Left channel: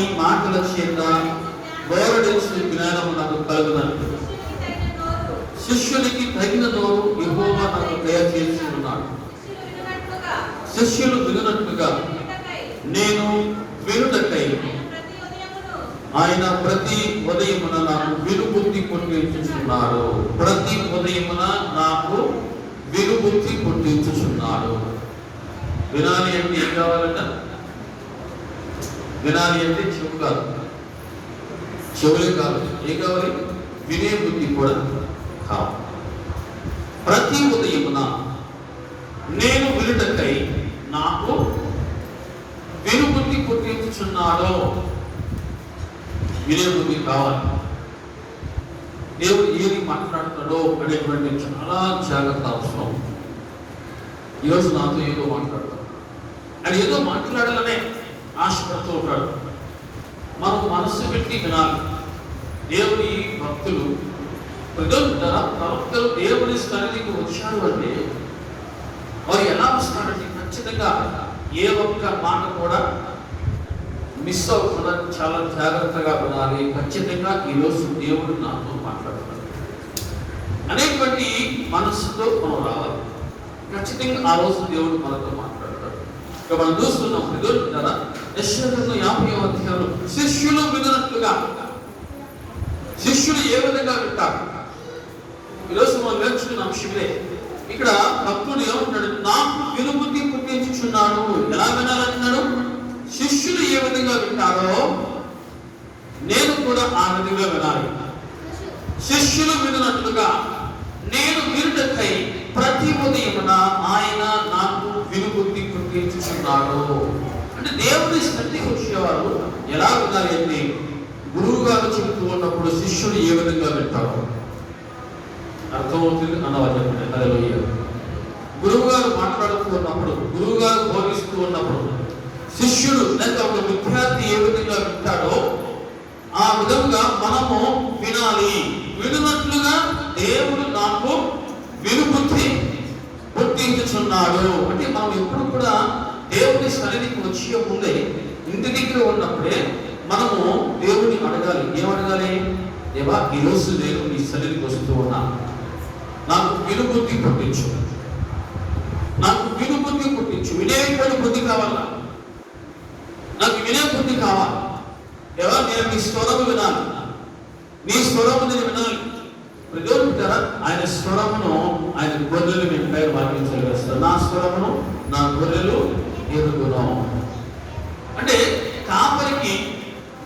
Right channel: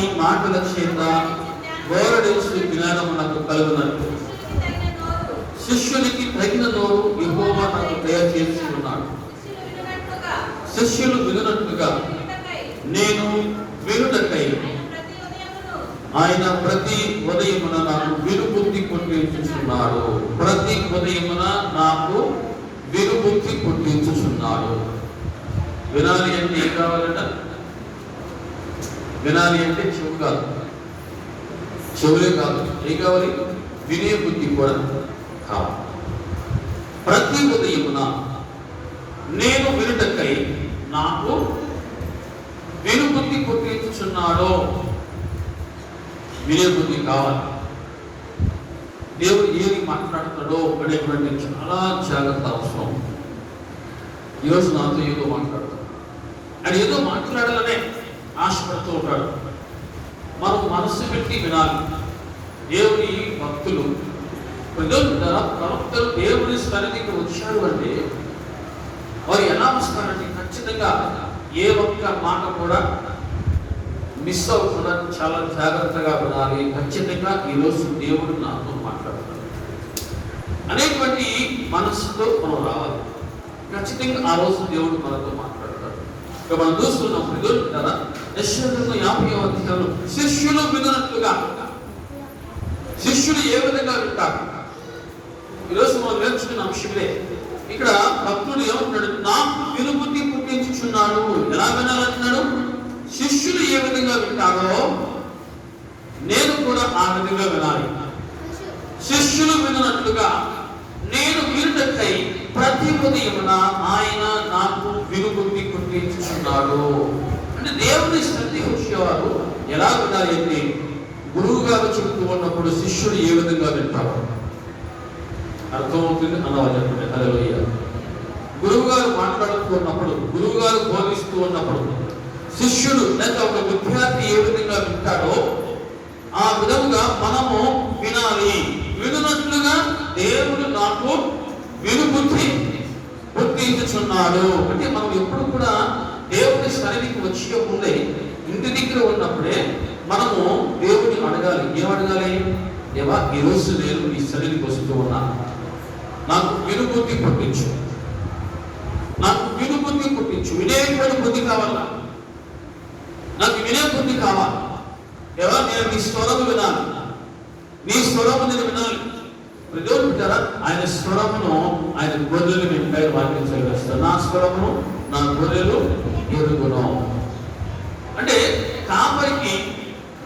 వాని మాటల చేత గోరడించిన జ్ఞానము నాకు కలుగునట్టు శిష్యునికి తగిన నోరు యెహోవా నాకు దయచేసి ఉన్నాడు. శిష్యులు వినున్నట్లుగా నేను వినుటకై ఆయన ప్రతి ఉదయమున నాకు వినుబుద్ధి పుట్టించుచున్నాడు. ప్రతి ఉదయమున నాకు వినుబుద్ధి పుట్టించుచున్నాడు. వినాలి అంటే ఏం కావాలంట? వినాలి అంటే చెవు కాదు, చెవులే కాదు, ఏం కావాలి? వినే బుద్ధి కూడా కావాలి. ప్రతి ఉదయమున నేను వినుటకై నాకు వినుబుద్ధి పుట్టించుచున్నాడు. వినే బుద్ధి కావాలి. దేవుడు ఏది మాట్లాడుతాడో అనేటువంటి చాలా జాగ్రత్త అవసరం. ఈరోజు నాతో ఏదో మాట్లాడతాడు, అది ఏదో మాట్లాడాలనే ఆశపడుతూ ఉంటాడు. మనకు మనస్సు పెట్టి వినాలి. దేవుని భక్తులు ప్రవక్తలు దేవుని సన్నిధికి వచ్చాడు అంటే వారు ఎలా వస్తారంటే ఖచ్చితంగా ఏ ఒక్క మాట కూడా మిస్ అవ్వకుండా చాలా జాగ్రత్తగా వినాలి. ఖచ్చితంగా ఈరోజు దేవుడు నాతో మాట్లాడుతాడు అనేటువంటి మనస్సుతో మనం రావాలి. ఖచ్చితంగా ఆ రోజు దేవుడు మనతో మాట్లాడతాడు. మనం చూస్తున్నాం కదా, యెషయా 50వ అధ్యాయంలో శిష్యులు విననట్లుగా. శిష్యులు ఏ విధంగా వింటారు? ఈరోజు మనం నేర్చుకున్న విషయమే. ఇక్కడ భక్తుడు ఏమంటున్నాడు? నాకు వినుబుద్ధి పుట్టించుచున్నాడు. ఎలా వినాలంటున్నాడు? శిష్యులు ఏ విధంగా వింటారో నేను కూడా ఆ విధంగా వినాలి. శిష్యులు విననట్లుగా నేను వినుటకై ప్రతి ఉదయమున ఆయన నాకు వినుబుద్ధి పుట్టించుచున్నాడు. అంటే దేవుని సన్నిధికి వచ్చేవారు ఎలా వినాలి అంటే, గురువు గారు చెబుతూ ఉన్నప్పుడు శిష్యుడు ఏ విధంగా వింటారు? అర్థమవుతుంది అన్నవాళ్ళు. హల్లెలూయా. గురువు గారు మాట్లాడుతూ ఉన్నప్పుడు, గురువు గారు బోధిస్తూ ఉన్నప్పుడు శిష్యుడు లేక ఒక విద్యార్థి ఏ విధంగా వింటాడో ఆ విధంగా మనము వినాలి. వినున్నట్లుగా దేవుడు నాకు వినుబుద్ధి పుట్టించుచున్నాడు. అంటే మనం ఎప్పుడు కూడా దేవుని సన్నిధికి వచ్చే ముందే, ఇంటి దగ్గర ఉన్నప్పుడే మనము దేవుని అడగాలి. ఏమడగాలి? దేవా, ఈరోజు నేను నీ సన్నిధికి వస్తూ ఉన్నా, నాకు వినుబుద్ధి పుట్టించు, నాకు వినుబుద్ధి పుట్టించు. వినేటువంటి బుద్ధి కావాలా? నాకు వినే బుద్ధి కావాలి. దేవా, నేను నీ స్వరము వినాలి, నీ స్వరము నేను వినాలి. దేవుడు అంటారా, ఆయన స్వరమును ఆయన గొర్రెలు వింటాయి. వాక్యం చదివేస్తారు, నా స్వరమును నా గొర్రెలు ఎరుగును. అంటే కాపరికి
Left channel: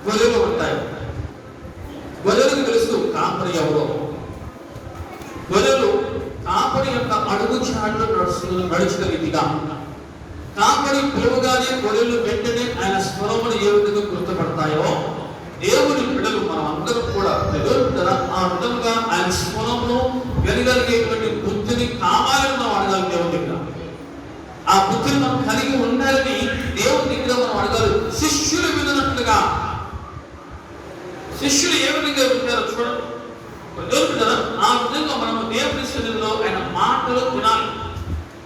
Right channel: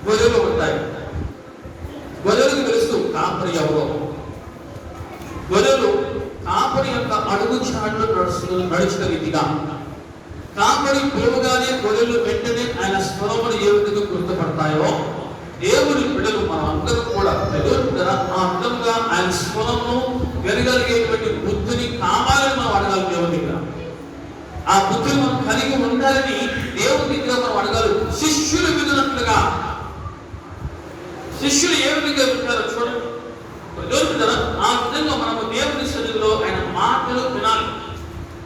గొర్రెలు ఉంటాయి. గొర్రెలకు తెలుసు కాపరి ఎవరో. గొర్రెలు కాపరి యొక్క అడుగు చాట్లు నడుచున్న రీతిగా కాపరి పిలువగానే గొర్రెలు వెంటనే ఆయన స్వరమును ఏ విధంగా గుర్తుపడతాయో, దేవుని బిడ్డలు మనం అందరూ కూడా ఆ విధంగా ఆయన స్వరమును వినగలిగేటువంటి బుద్ధిని కావాలని మనం అడగాలి. దేవుని దగ్గర ఆ బుద్ధిని మనం కలిగి ఉండాలని దేవుని దగ్గర మనం అడగాలి. శిష్యులు వినట్లుగా. శిష్యులు ఏ విధంగా వింటారో చూడండి. ఆ విధంగా మనం దేవుని సన్నిధిలో ఆయన మాటలు వినాలి.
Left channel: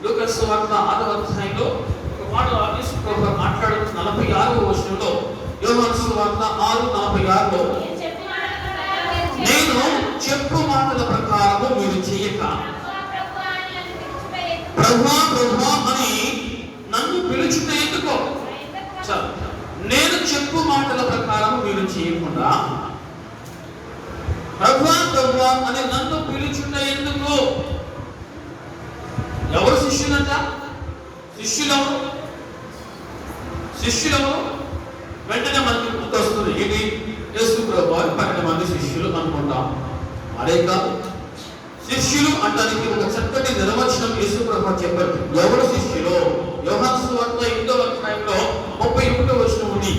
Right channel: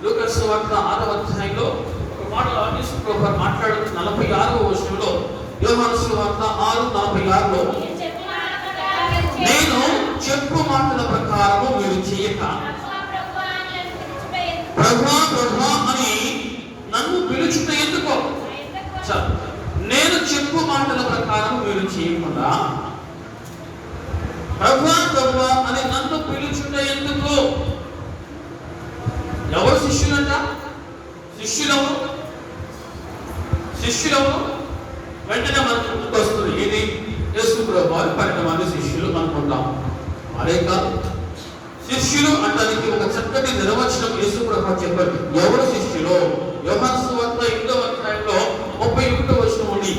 లూకా సువార్త 6వ అధ్యాయంలో ఒక మాట యేసు ప్రభువు మాట్లాడుతూ 46వ వచనంలో, యోహాను సువార్త 6:46లో, నేను చెప్పు మాటల ప్రకారము మీరు చేయక ప్రభువా ప్రభువా అని నన్ను పిలుచుట ఎందుకో. నేను చెప్పు మాటల ప్రకారం మీరు చేయకుండా ప్రభువా ప్రభువా అని నన్ను పిలుచుట ఎందుకు? ఎవరు శిష్యులంట? శిష్యులము వెంటనే మనకు గుర్తొస్తుంది. ఇది యేసు ప్రభువు 12 మంది శిష్యులు అనుకుంటాం. అదే కాదు, శిష్యులు అంటానికి ఒక చక్కటి నిర్వచనం యేసు ప్రభువు చెప్పారు. ఎవరు శిష్యులు? యోహాను సువార్త 8వ అధ్యాయంలో 31వ వచనం ఉంది.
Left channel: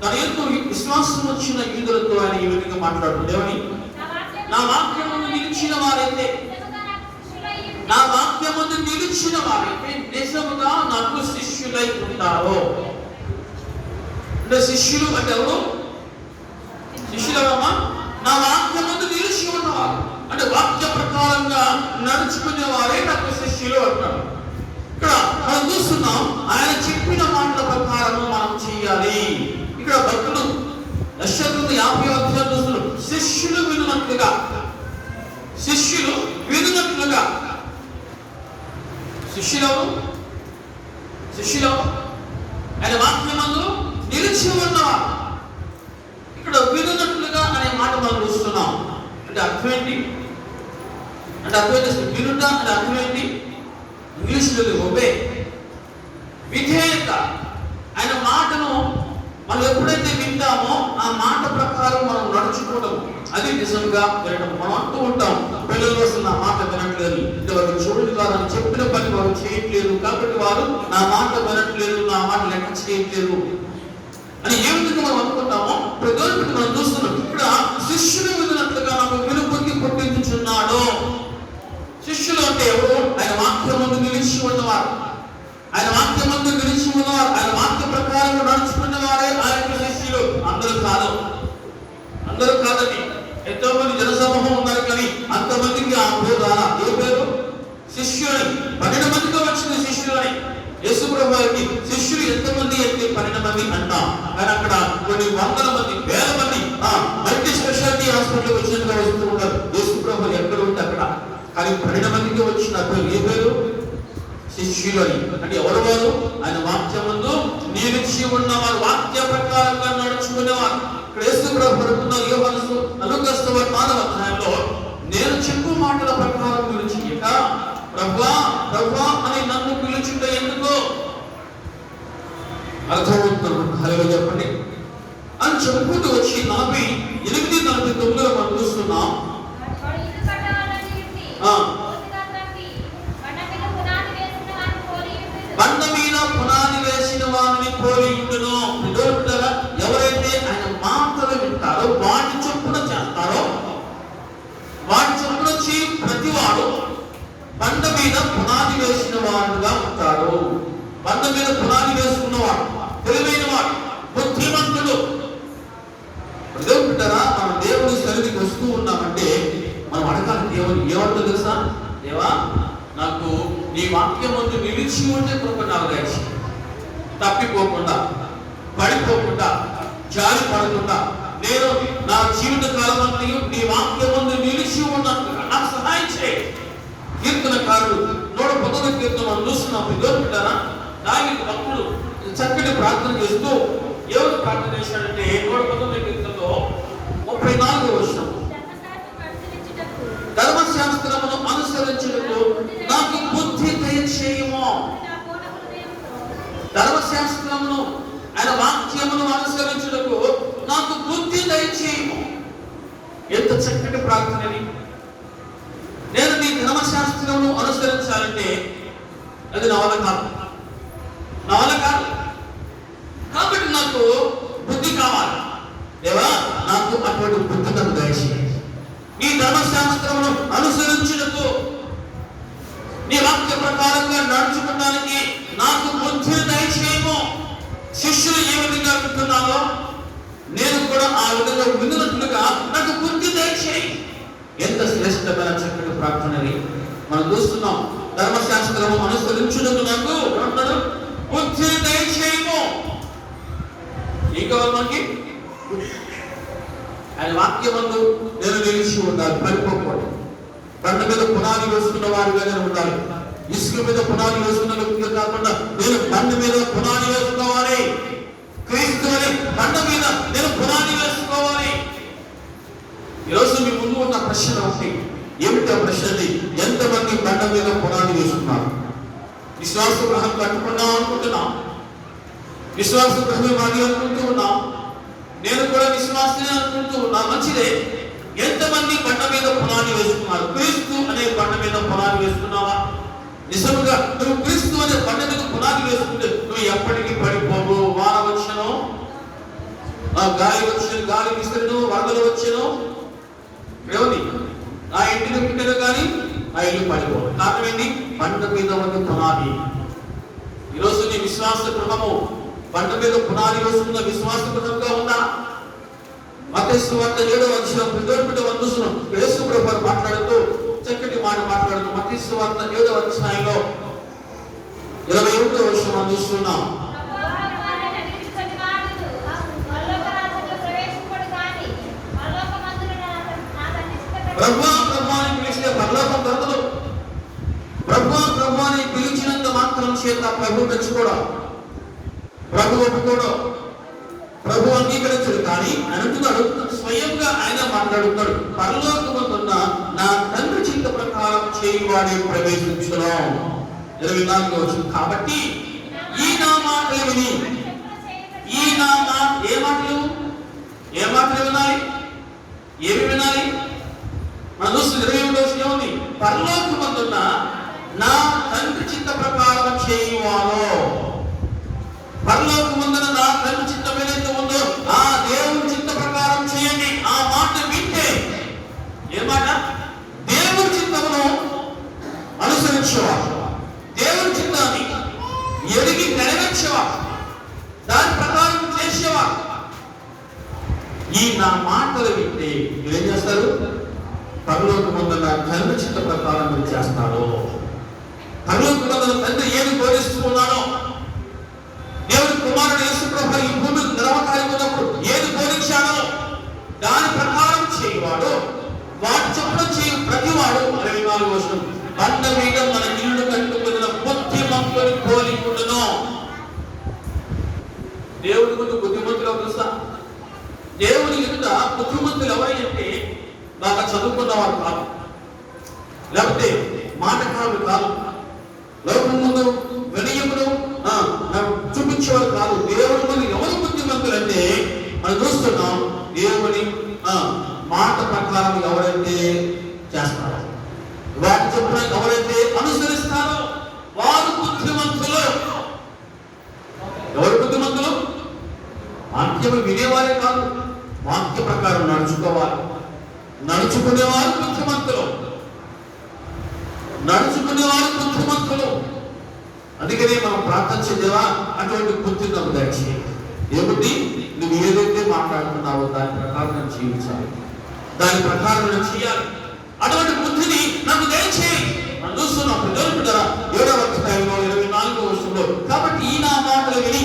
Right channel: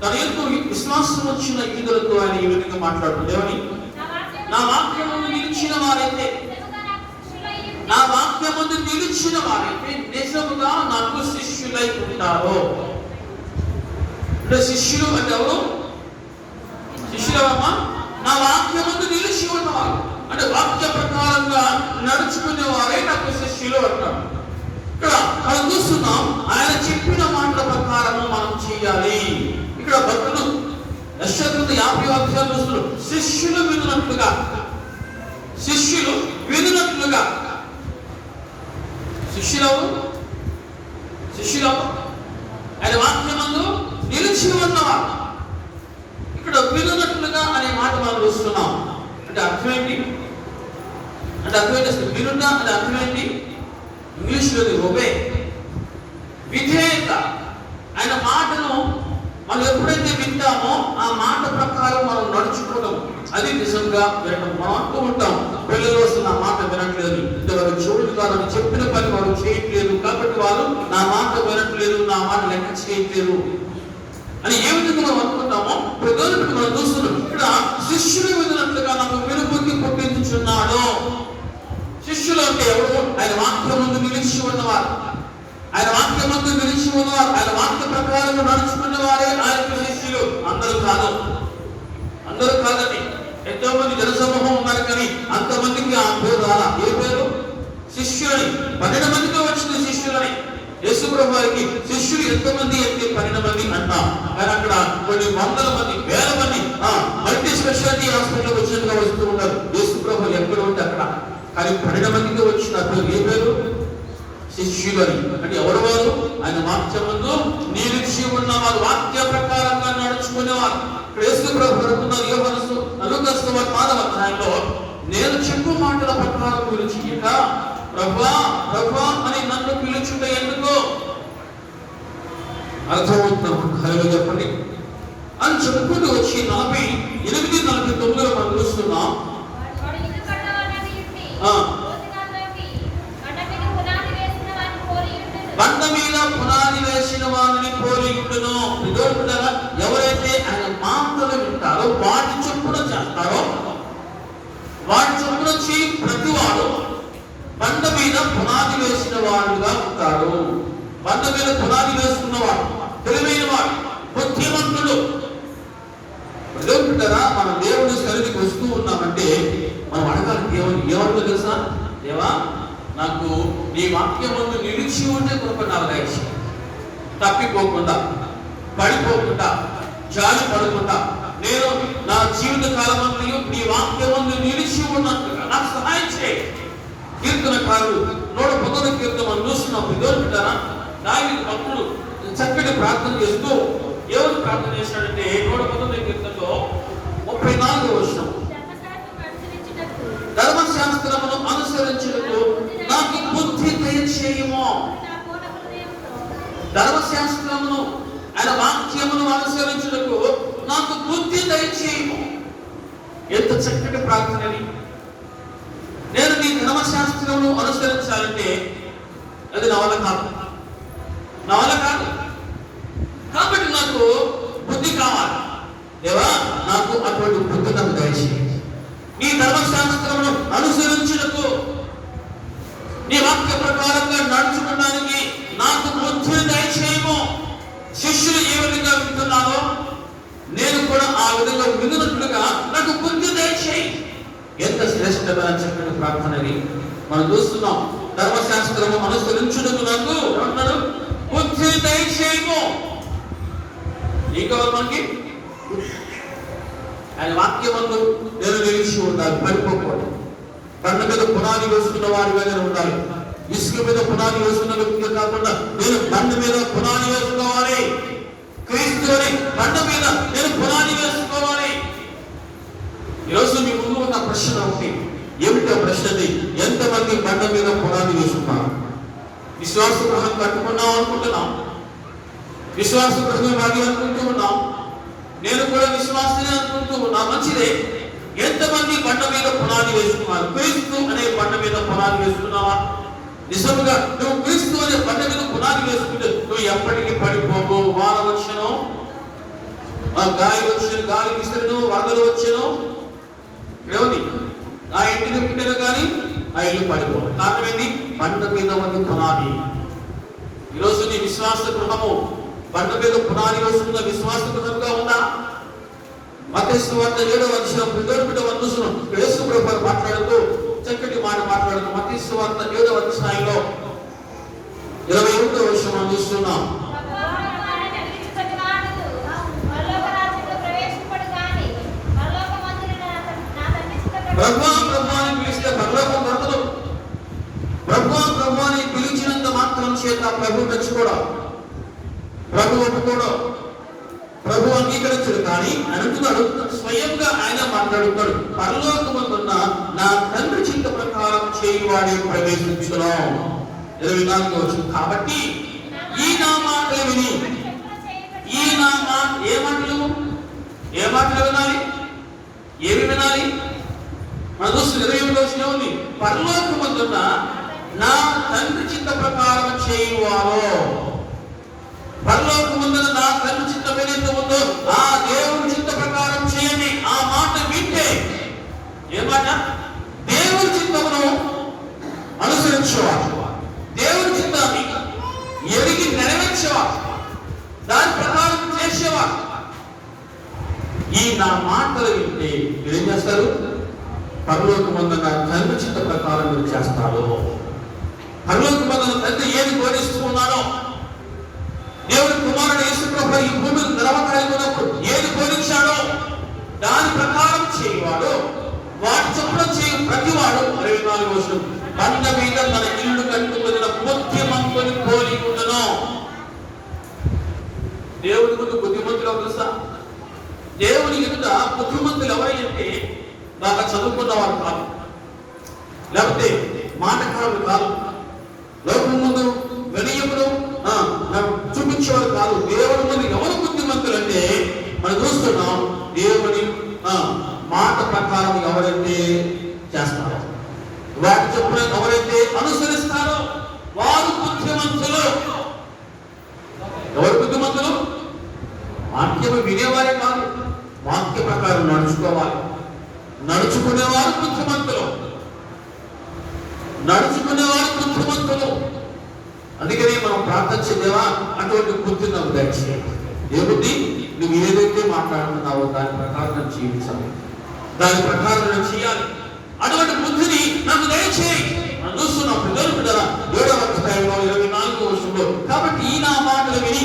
తన యందు విశ్వాసం వచ్చిన యూదులతో ఆయన ఈ విధంగా మాట్లాడుతున్నాడు. నా వాక్యమును నిలిచిన వారైతే, నా వాక్యమును నిలిచిన వారైతే నిజముగా నాకు శిష్యులై ఉంటారు. అంటే శిష్యులు అంటే ఎవరు? శిష్యులమ్మా నా వాక్యమును నిలిచి ఉన్నవారు, అంటే వాక్య ప్రకారంగా నడుచుకునే వారే నాకు శిష్యులు అంటారు. ఇక్కడ మనం చూస్తున్నాం, ఆయన చెప్పిన మాటల ప్రకారం మనం చేయాలి. ఇక్కడ భక్తులు వినున్నట్లుగా, శిష్యులు వినున్నట్లుగా. శిష్యులు ఆయన వాక్యమందు నిలిచి ఉన్నవారు. ఇక్కడ వినున్నట్లుగా అనే మాట మనం చూస్తున్నాం. అంటే అర్థం ఏంటి? వినుట అంటే అర్థం ఏంటి? ఇంగ్లీష్లో ఒబే, విధేయత. ఆయన మాటను మనం ఎప్పుడైతే వింటామో ఆ మాట ప్రకారం మనం నడుచుకోవడం, అది నిజంగా వినడం. మనం అంటూ ఉంటాం, పిల్లలు వస్తే నా మాట వినట్లేదు, అంటే వారు చూడని వారు చెప్పిన పని వారు చేయట్లేదు, కాబట్టి వారు నా మాట వినట్లేదు, నా మాట లెక్క చేయట్లేదు అని ఏ విధంగా మనం అనుకుంటామో ప్రజలకు మనం చూస్తున్నాం. ఇక్కడ శిష్యులు విన్నట్లుగా నాకు వినుపుకి పుట్టించుచున్నాడు. శిష్యులు అంటే ఎవరు? ఆయన వాక్యం ముందు నిలిచి ఉన్నవారు, ఆయన వాక్యం ముందు నిలిచి ఉన్నవారు, ఆయన వాక్య ప్రకారం నడుచుకున్న వారే ఆయన శిష్యులు. అందరూ కాదని ఎంతో మంది జనసమూహం ఉన్నారు, కానీ అంతమందికి ఆ పేరు రాలా. ఏ పేరు? శిష్యులని. 12 మందిగా వచ్చింది శిష్యులని. యేసు ప్రభువుకి శిష్యులు ఎంతమంది అంటే 12 మంది అన్నాం. ఆయన అక్కడ కొన్ని వందల మంది, వేల మంది మల్టీ స్పెషాలిటీ హాస్పిటల్కి వచ్చినట్టుగా వస్తూ ఉన్నారు. యేసు ప్రభువు ఎక్కడ ఉంటే అక్కడ, కానీ 12 మందికి వచ్చిన పేరు ఏ పేరు? శిష్యులని. అంటే ఎవరు వారు? ఆయన వాక్యమందు నిలిచి ఉన్నవారు, వాక్య ప్రకారంగా నడుచుకునేవారు. ఇక్కడ యేసు ప్రభువు యోహాను 4వ అధ్యాయంలో నేను చెప్పు మాటల ప్రకారం గురించి ప్రభువా అని నన్ను పిలుచుట ఎందుకో అర్థమవుతున్నాం. హల్లెలూయా చెప్పండి అని చెప్పుకుంటూ వచ్చి 48-49 మనం చూస్తున్నాం. బండ మీద పునాది వేసిన వారిని పోలి ఉండును. ఎవరైతే ఆయన మాటలు వింటారో, వాటి చొప్పున చేస్తారో, వాటి చొప్పున ప్రతివాడు బండ మీద పునాది వేసిన వాడుగా ఉంటాడు. బండ మీద పునాది వేసుకున్నవాడు, తెలివైన వాడు, బుద్ధిమంతుడు. దేవుడుంటారా, మన దేవుడి సన్నిధికి వస్తూ ఉన్నామంటే మనం అడగాలి, దేవుడు ఏమంటుంది తెలుసా? దేవా, నాకు నీ వాక్యం ముందు నిలిచి ఉండే కృప నాకు దయచేయి. తప్పిపోకుండా, పడిపోకుండా, జారి పడకుండా నేను నా జీవిత కాలం అంతా నీ వాక్యం ముందు నిలిచి ఉన్నట్టుగా నాకు సహాయం చేయి. కీర్తనకారుడు 119వ కీర్తన మనం చూస్తున్నప్పుడు దేవుడుంటారా, దావీదు భక్తుడు చక్కటి ప్రార్థన చేస్తూ ఎవరు ప్రార్థన చేశాడంటే 119వ కీర్తనలో 34వ వచనం, ధర్మశాస్త్రమును అనుసరించుటకు నాకు బుద్ధి దయచేయుము. ధర్మశాస్త్రమును, ఆయన వాక్యమును అనుసరించుటకు నాకు బుద్ధి దయచేయుము. ఎంత చక్కటి ప్రార్థనని! నేను నీ ధర్మశాస్త్రమును అనుసరించాలంటే అది నా వల్ల కాదు. కాబట్టి నాకు బుద్ధి కావాలి. దేవా, నాకు అటువంటి బుద్ధి నాకు దయచేయి. నీ ధర్మశాస్త్రమును అనుసరించుటకు, నీ వాక్య ప్రకారంగా నడుచుకోవడానికి నాకు బుద్ధి దయచేయము. శిష్యులు ఏ విధంగా వింటున్నారో నేను కూడా ఆ విధంగా వినున్నట్లుగా నాకు బుద్ధి దయచేయి. ఎంత శ్రేష్టమైన చక్కని ప్రార్థనని మనం చూస్తున్నాం. ధర్మశాస్త్రము అనుసరించుటకు నాకు అన్నాడు బుద్ధి దయచేయము. ఏం కావాలి మనకి? ఆయన వాక్యమందు నేను నిలిచి ఉండాలి, పెట్టుకోకూడదు. బండ మీద పునాది వేసుకున్న వారుగానే ఉండాలి. ఇసుక మీద పునాది వేసుకున్న వ్యక్తిగా కాకుండా నేను బండ మీద పునాది వేసుకోవాలి. క్రీస్తు అని బండ మీద నేను పునాది వేసుకోవాలి. ఈరోజు మీ ముందు ఉన్న ప్రశ్న ఒకటి. ఏమిటో ప్రశ్నది? ఎంతమంది బండ మీద పునాది వేసుకున్నారు? విశ్వాస గ్రహం కట్టుకున్నాం అనుకుంటున్నాం, విశ్వాస గ్రహం అది అనుకుంటూ ఉన్నాం, నేను కూడా విశ్వాసనే అనుకుంటూ ఉన్నా, మంచిదే. ఎంతమంది బండ మీద పునాది వేసుకున్నారు? క్రీస్తు అనే బండ మీద పునాది వేసుకున్నావా? నిజంగా నువ్వు క్రీస్తు అనే బండ మీద పునాది వేసుకుంటే నువ్వు ఎప్పటికీ పడిపోవు. వాన వచ్చను, గాలి వచ్చి గాలి విసిరను, వరదలు వచ్చను, ఎవరి నా ఇంటిని పెట్టను కానీ ఆ ఇల్లు పడిపో. కారణం ఏంటి? బండ మీద ఉన్న పునాది. ఈరోజు నీ విశ్వాస గృహము బండ మీద పునాది వేసుకున్న విశ్వాస గృహంగా ఉందా? మత్తయి సువార్త 7వ అధ్యాయం యేసు ప్రభువు మాట్లాడుతూ చక్కటి మాట మాట్లాడుతూ మత్తయి సువార్త 7వ అధ్యాయంలో 21వ వచనం చూస్తున్నాం. ప్రభువా ప్రభువా అని పిలిస్తే పరలోకం దొరకదు. ప్రభువా ప్రభువా అని పిలిచినంత మాత్రం చేత ప్రభు మెచ్చుకోవడం, ప్రభు ఒప్పుకోవడం, ప్రభు అంగీకరించడు. కానీ అంటున్నాడు, స్వయంగా ఆయన మాట్లాడుతున్నాడు, పరలోకమున్న నా తండ్రి చిత్త ప్రకారం చేయవాడే ప్రవేశించును. 24వ వచనం. కాబట్టి ఈ నా మాటలు విని, ఈ నా మాట ఏ మాటలు వినాలి? ఏమి వినాలి? మన చూస్తుంది 20వ వచనం ఉంది, పరలోకమున్న నా తండ్రి చిత్త ప్రకారం చేయువాలో. పరలోకమున్న నా తండ్రి చిత్తం ఏదైతే ఉందో ఆ దేవుని చిత్త ప్రకారం చేయండి. ఆ మాట వింటే ఏ మాట? దేవుని చిత్తమును అనుసరించేవాడు, దేవుని చిత్తాన్ని ఎరిగి నెరవేర్చేవాడు, దాని ప్రకారం చేసేవాడు. ఈ నా మాటలు వింటే మీరేం చేస్తారు? పరలోకమున్న నా తండ్రి చిత్త ప్రకారం మీరు చేస్తాడు. పరలోకమున్న తండ్రి ఏది బోధిస్తున్నాడో, దేవుడు కుమారుడు యేసుప్రభు ఈ భూమి నిలవకాలి ఉన్నప్పుడు ఏది బోధించాడో దాని ప్రకారం చేయవాడు, వాటి చొప్పున చేయి ప్రతివాడు. 24వ వచనం, బండ మీద మన ఇల్లు కట్టుకున్న బుద్ధిమంతుని పోలి ఉండును. దేవుడి ముందు బుద్ధిమంతులు తెలుసా? దేవుని ఎదుట బుద్ధిమంతులు ఎవరంటే బాగా చదువుకున్న వారు కాదు, లేకపోతే మాటకారులు కాదు, లోకం ముందు వినయములు చూపించేవారు కాదు. దేవుడి ముందు ఎవరు బుద్ధిమంతులు అంటే మనం చూస్తున్నాం, దేవుని మాట ప్రకారం ఎవరైతే చేస్తారో, వాటి చొప్పున ఎవరైతే అనుసరిస్తారో వారు బుద్ధిమంతులు. ఎవరు బుద్ధిమంతులు? వాక్యము వినేవారే కాదు, వాక్య ప్రకారం నడుచుకోవాలి. నడుచుకునేవారు బుద్ధిమంతులు, నడుచుకునేవారు బుద్ధిమంతులు. అందుకనే మనం ప్రార్థన చేద్దామా, అటువంటి బుద్ధి నాకు దయచేయండి. ఏమిటి? నువ్వు ఏదైతే మాట్లాడుతున్నావో దాని ప్రకారం జీవించాలి, దాని ప్రకారం చేయాలి. అటువంటి బుద్ధిని నాకు దయచేయి. మనం చూస్తున్నప్పుడు 7వ అధ్యాయంలో 24వ వచనంలో, కాబట్టి ఈ నా మాటలు విని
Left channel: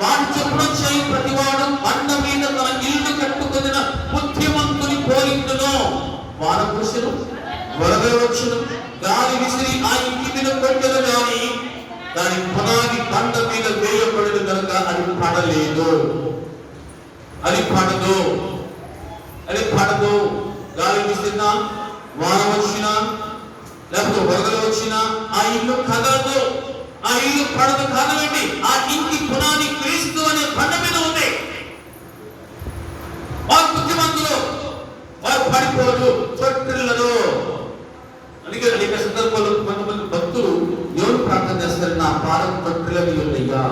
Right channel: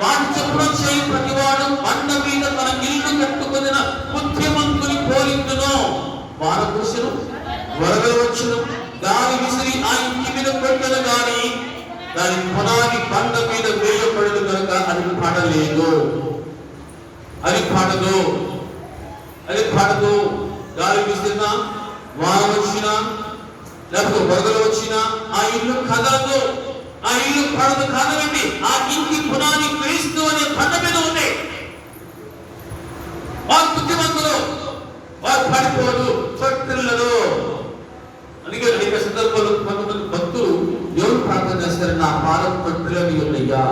వాటి చొప్పున చేయి ప్రతివాడు బండ మీద తన ఇల్లు కట్టుకున్న బుద్ధిమంతుని పోలిండును. వానకురుసును, వరదలు వచ్చును, గాలి విసిరి ఆ ఇంటి మీద కొట్టెను గాని దాని పునాది బండ మీద వేయబడిన కనుక అది పడలేదు. అది పడదు, అది పడదు. గాలి విసిరినా, వాన వచ్చినా, లేకపోతే వరదలు వచ్చినా ఆ ఇల్లు కదలదు, ఆ ఇల్లు పడదు. కాదండి, ఆ ఇంటి పునాది క్రీస్తు అనే బండ మీద ఉంది. వారు బుద్ధిమంతులు, వారు పడిపోదు, తొట్టిల్లదు. అందుకే అనేక సందర్భాలు కొంతమంది భక్తులు ఎవరు ప్రార్థన చేస్తారు, నా పాదం తొట్టిల్లని ఉన్నాయ్యా,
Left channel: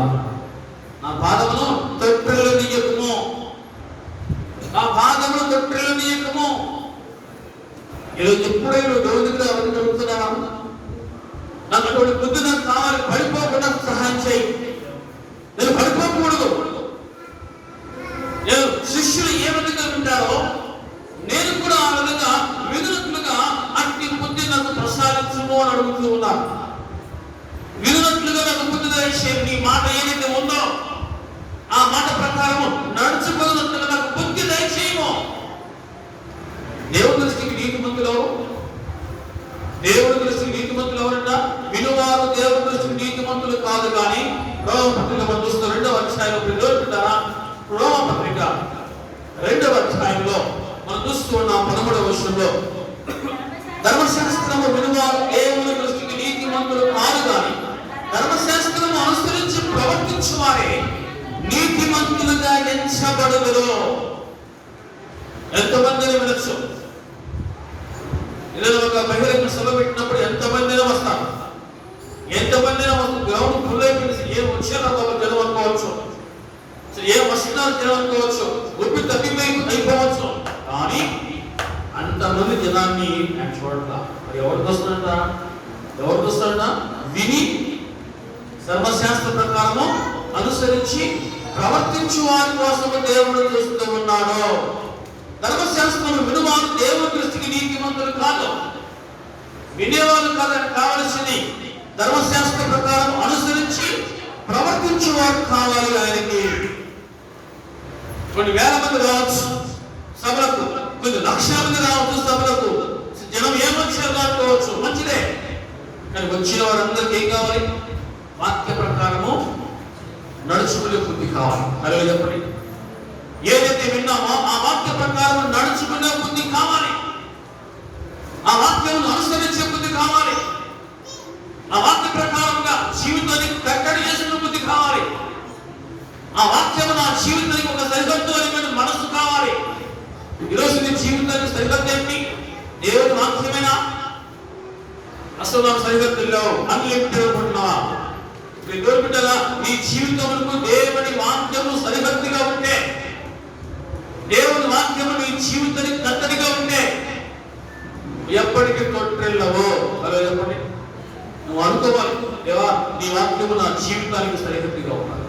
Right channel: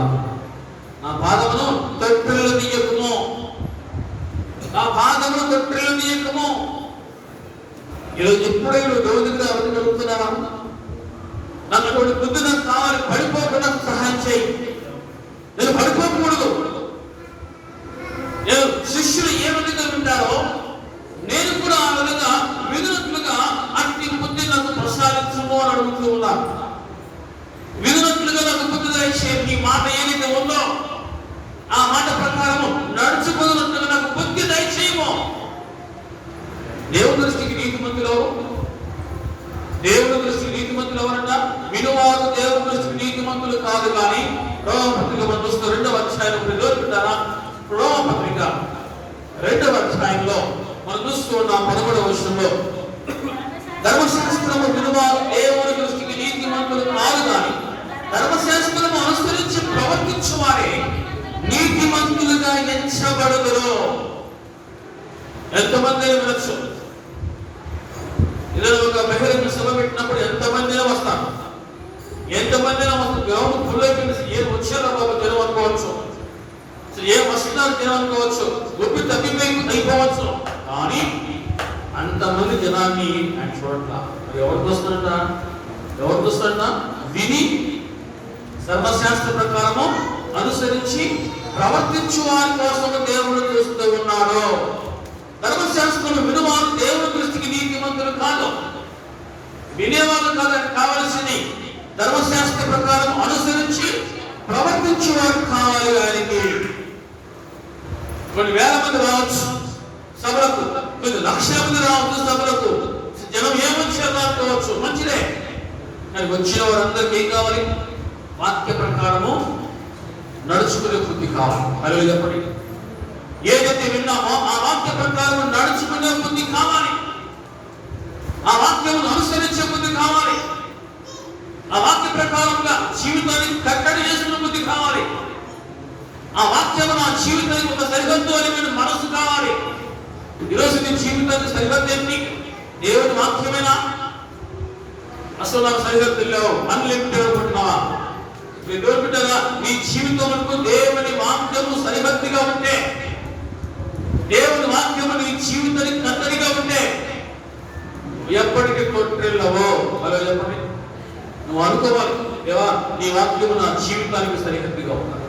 నా పాదమును తొట్టిల్లనీయకుము, నా పాదమును తొట్టిల్లనీయకుము. ఈరోజు ఎప్పుడైనా దేవుడి దగ్గర ఎవరు జరుగుతున్నావా? నాకు అటువంటి బుద్ధి నాకు కావాలి, పడిపోకుండా సహాయం చేయి. నేను పడిపోకూడదు. నేను శిష్యులు ఏ విధంగా ఉంటారో నేను కూడా ఆ విధంగా వినునట్లుగా అట్టి బుద్ధి నాకు ప్రసాదించుకో అని అడుగుతూ ఉన్నా. వినునట్లుగా నాకు బుద్ధి దయచేయి. నీ మాట ఏదైతే ఉందో ఆ మాట ప్రకారం నడుచుకున్నట్లుగా నాకు బుద్ధి దయచేయము. దేవుని దృష్టికి నీతిమంతులు, దేవుని దృష్టికి నీతిమంతులు ఎవరన్న? వినువారు దేవుని దృష్టికి నీతిమంతులు కాదు. కానీ రోమపత్రిక 2వ అధ్యాయంలో రోమపత్రిక 2వ అధ్యాయంలో మనం చూస్తున్నాం 13వ వచనంలో, ధర్మశాస్త్రము వినువారు దేవుని దృష్టికి నీతిమంతులు కాదు, కానీ ధర్మశాస్త్రము అనుసరించి ప్రవర్తించు వారే నీతిమంతులుగా ఎంచబడుదురు. ఎంతమంది వినొచ్చు? ఇలా ఒక బహిరంగ సభ పెట్టినప్పుడు ఎంతమంది వస్తారు, ఎంతమంది గ్రౌండ్ ఫుల్ అయిపోయింది. ఏ వచ్చారో జనం అనుకోవచ్చు, ఏ వస్తున్నారు జనం అనుకోవచ్చు, గుప్పి అయిపోవచ్చు. కానీ అంతమంది జనాన్ని చూడట ఎవరికి వస్తుంట? విని ధర్మశాస్త్ర ప్రకారము అనుసరించి ప్రవర్తించు వారి కోసం దేవుడు చూస్తూ ఉన్నాడు. ధర్మశాస్త్రం వినువారు దేవుని దృష్టికి నీతిమంతులు కాదు, వినేవారు కావలసింది ధర్మశాస్త్ర ప్రకారం అనుసరించి ప్రవర్తించేవారు కావాలి. ఆయనకి కొన్ని వేల మంది రావచ్చు సభలకు, కొన్ని లక్షల మంది రావచ్చు సభలకు, జనం ఏ లక్షలు రాకపోవచ్చు, మంచిదే. కానీ వచ్చిన వారందరికీ ఏం కావాలి? వాక్య ప్రకారము నడుచుకునే బుద్ధి కావాలి. అలాగే చెప్పండి. ఏదైతే విన్నామో ఆ వాక్య ప్రకారం నడుచుకునే బుద్ధి కావాలి. ఆ వాక్యం అనుసరించే బుద్ధి కావాలి. ఆ వాక్య ప్రకారంగా జీవితాన్ని కట్టడి చేసిన బుద్ధి కావాలి. ఆ వాక్యం నా జీవితానికి ఒక సరిహద్దు మనసు కావాలి. ఈరోజు నీ జీవితానికి సరిహద్దు ఏంటి? దేవుడి వాక్యమేనా? అసలు నాకు సరిహద్దుల్లో అన్లిమిటెడ్ ఉంటున్నావా? దేవుడు బిడ్డగా నీ జీవితం వరకు దేవుని వాక్యము సరిహద్దుగా ఉంటే, దేవుని వాక్యము నీ జీవితానికి కట్టడిగా ఉంటే ఎప్పటికీ తొట్టిల్లవో. అలా చెప్పండి. నువ్వు అనుకోవాలి, దేవా నీ వాక్యము నా జీవితానికి సరిహద్దుగా ఉన్నది.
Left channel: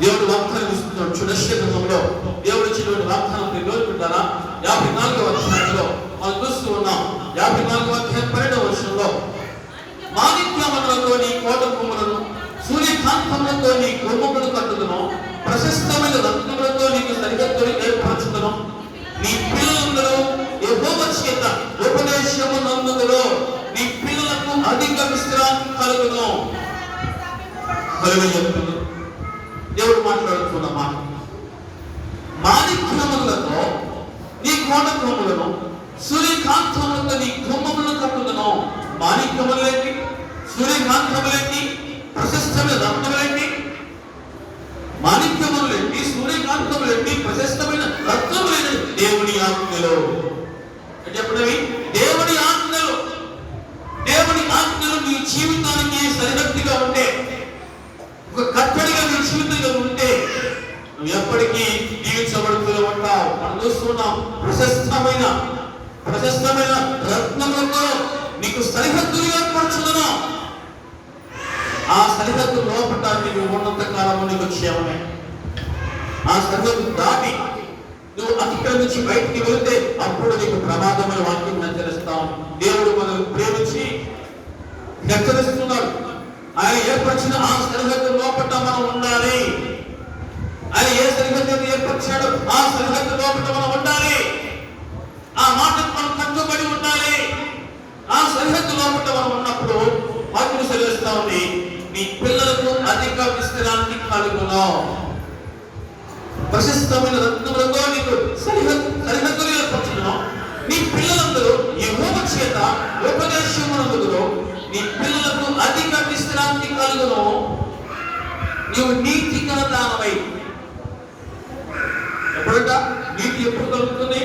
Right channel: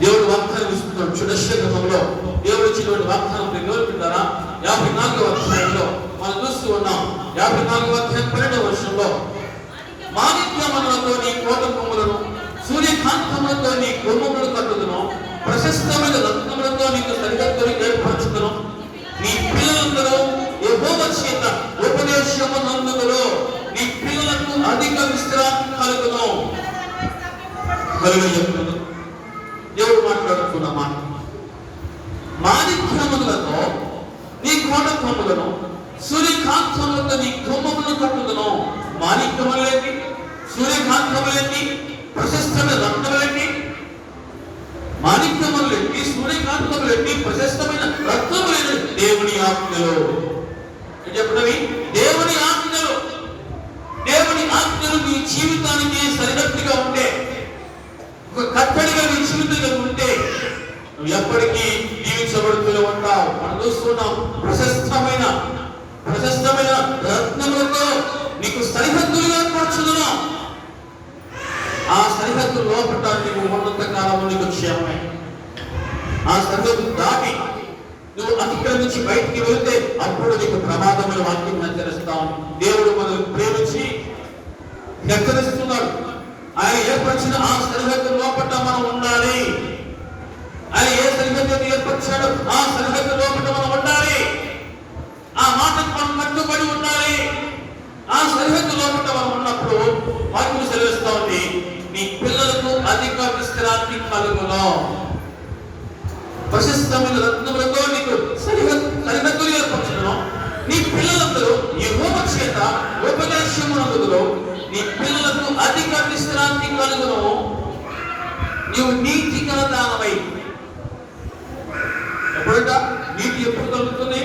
దేవుడు వాగ్దానం ఇస్తున్నాడు. చుడశంలో దేవుడు ఇచ్చినటువంటి వాగ్దానం వివరించారా? 54వ అధ్యాయంలో మనం చూస్తూ ఉన్నాం. 54వ అధ్యాయం 12వ వచనంలో, మాణిక్యములతో నీ కోట కొమ్ములను, సూర్యకాంతములతో నీ కొమ్ములను కట్టుదును, ప్రశస్తమైన రత్నములతో నీకు సరిహద్దులు ఏర్పరచుదును. నీ పిల్లలందరూ యెహోవా చేత ఉపదేశము నందుదురు. నీ పిల్లలకు అధిక విశ్రాంతి కలుగును. దేవుడు మాట్లాడుతున్న మాట, మాణిక్యములతో నీ కోట కొమ్ములను, సూర్యకాంతములతో నీ కొమ్ములను కట్టుదును. మాణిక్యములేంటి? సూర్యకాంతములేంటి? ప్రశస్తమైన రత్నములేంటి? మాణిక్యములేంటి? సూర్యకాంతములేంటి? ప్రశస్తమైన రత్నములేంటి? దేవుని ఆజ్ఞలు. చెప్పినవి దేవుని ఆజ్ఞలు. దేవుని ఆజ్ఞలు నీ జీవితానికి సరిహద్దుగా ఉంటే, ఒక కట్టడిగా నీ జీవితంగా ఉంటే నువ్వు ఎప్పటికీ జీవించబడుతూనే ఉంటావు. మనం చూస్తున్నాం, ప్రశస్తమైన రత్నములతో నీకు సరిహద్దులు ఏర్పరచుదును. ఆ సరిహద్దు లోపల నీకు ఉన్నంత కాలం నీకు క్షేమమే. ఆ సరిహద్దు దాటి నువ్వు అతిక్రమించి బయటికి వెళ్తే అప్పుడు నీకు ప్రమాదమైన వాక్యం హెచ్చరిస్తాం. దేవుడు మనల్ని ప్రేమించి హెచ్చరిస్తున్నాడు. ఆయన ఏర్పరిచిన ఆ సరిహద్దు లోపల మనం ఉండాలి. ఆయన ఏ సరిహద్దు ఏర్పరిచాడో ఆ సరిహద్దు లోపల మనం ఉండాలి. ఆ మాటకు మనం కట్టుబడి ఉండాలి. ఆ సరిహద్దు లోపల మనం ఉన్నప్పుడు వాక్యం సెలవిస్తా ఉంది, నీ పిల్లలకు అధిక విశ్రాంతి కలుగును. ప్రశస్తమైన రత్నములతో నీకు సరిహద్దులు ఏర్పరచును. నీ పిల్లలందరూ యెహోవా చేత ఉపదేశము నందుదురు. నీ పిల్లలకు అధిక విశ్రాంతి కలుగును. నీవు నీతిగా దానమై. ఎప్పుడైనా నీతి ఎప్పుడు కలుగుతుంది?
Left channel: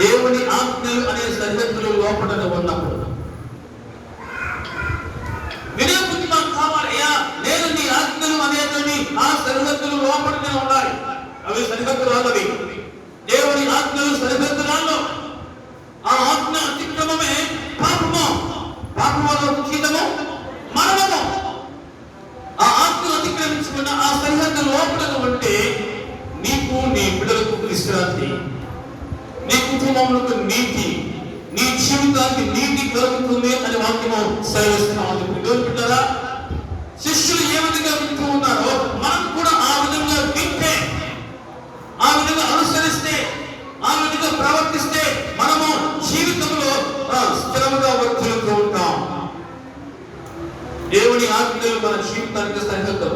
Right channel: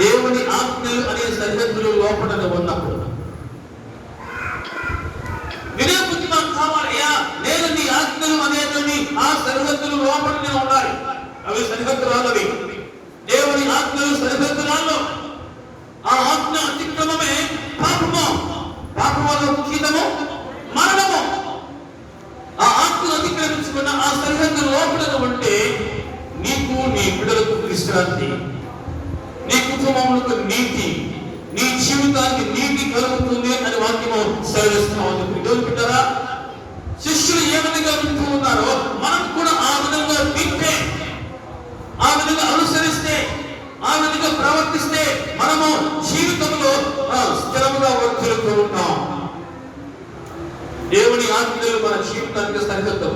దేవుని ఆజ్ఞలు అనే సరిహద్దులు లోపల ఉన్నప్పుడు. వినే బుద్ధి మనకు కావాలి. అయ్యా నేను నీ ఆజ్ఞలు అనేటువంటి ఆ సరిహద్దులు లోపలనే ఉండాలి. అవి సరిహద్దు రాలవి. దేవుని ఆజ్ఞలు సరిహద్దు రాళ్ళు. ఆ ఆజ్ఞ అతిక్రమమే పాపము. పాపం వల్ల ముఖ్యము మరణము. ఆ ఆజ్ఞ అతిక్రమించుకున్న ఆ సరిహద్దు లోపల ఉంటే నీకు, నీ బిడ్డలకు విశ్రాంతి, నీ కుటుంబంలో నీతి, నీ జీవితానికి నీతి కలుగుతుంది అని వాక్యము సెలవిస్తూ ఉంటుంది. బిడ్డలారా, శిష్యులు ఏ విధంగా వింటూ ఉన్నారో మనం కూడా ఆ విధంగా వింటే, ఆ విధంగా అనుసరిస్తే, ఆ విధంగా ప్రవర్తిస్తే మనము జీవితంలో స్థిరముగా వర్తిల్లుతూ ఉంటాం. దేవుని ఆజ్ఞలు మన జీవితానికి సరిహద్దు.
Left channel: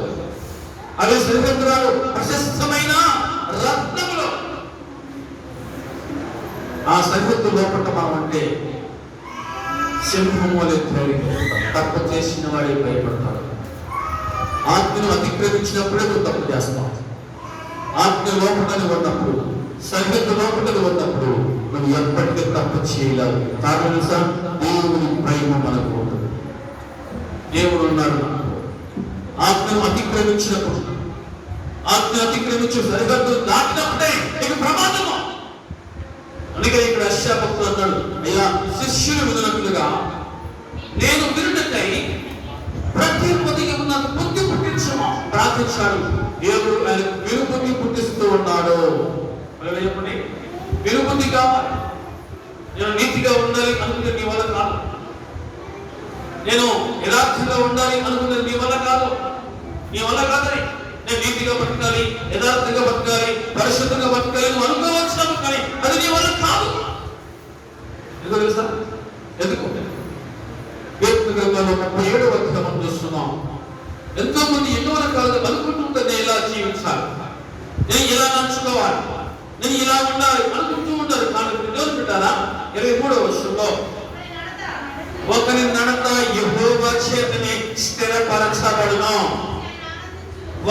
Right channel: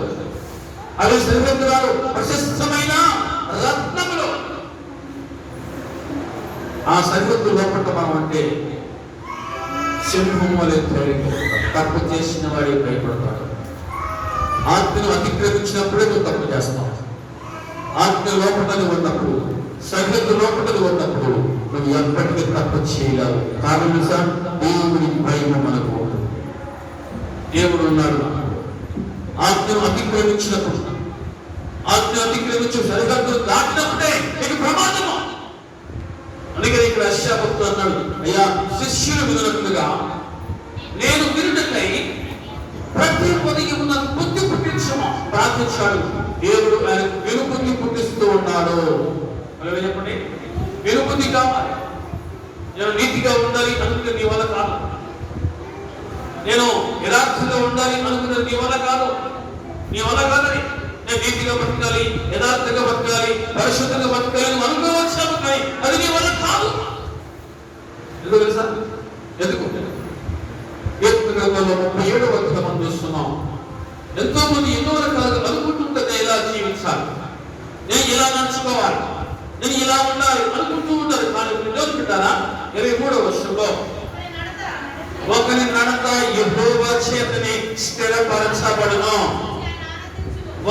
అవి సరిహద్దులు ప్రశస్తమైన రత్నములు. ఆ సరిహద్దు లోపల మనం అంటే సింహం వలె తప్పు చేసిన వాడి భయపడతాడు. ఆజ్ఞను అతిక్రమించినప్పుడే నువ్వు తప్పు చేస్తావు. ఆజ్ఞ లోపల ఉన్నప్పుడు, సరిహద్దు లోపల ఉన్నప్పుడు నువ్వు ఎప్పటికీ తప్పు చేయలేవు. కారణం దేవుని భయం మనకు ఉంటుంది. దేవుడు ఉన్నాడు. ఆజ్ఞను అతిక్రమించినప్పుడు, ఆజ్ఞ అతిక్రమించి సరిహద్దు దాటినప్పుడే నీకు ప్రమాదము. అందుకే ఇక్కడ అశ్చాపక్తుడు అన్నాడు, అయ్యా శిష్యులు వినున్నట్లుగా నేను వినుటకై ప్రతి పొదిగి ఉన్న బుద్ధి పుట్టించమా ప్రార్థించాడు. దేవుడు ఆయన వినుబుద్ధి పుట్టిస్తూ ఉన్నాడు. చెప్పండి, వినుబుద్ధి కావాలి. నేను నీతిగా ఉండాలి అనుకునే నీ వల్ల కాదు. నేను యథార్థంగా ఉండాలి అనుకునే నీ వల్ల కాదు. నీ వల్ల కాదని నేను నీతిగా బతకాలి, యథార్థంగా బతకాలి, పరిశుద్ధంగా బతకాలి అనుకో. నేను ఇలా ఉండాలి అనుకుంటూ ఉంటారు. కానీ విడుదల పెట్టారా 23వ వచనంలో ఒకరి నడత యెహోవా చేతనే స్థిరపరచబడును.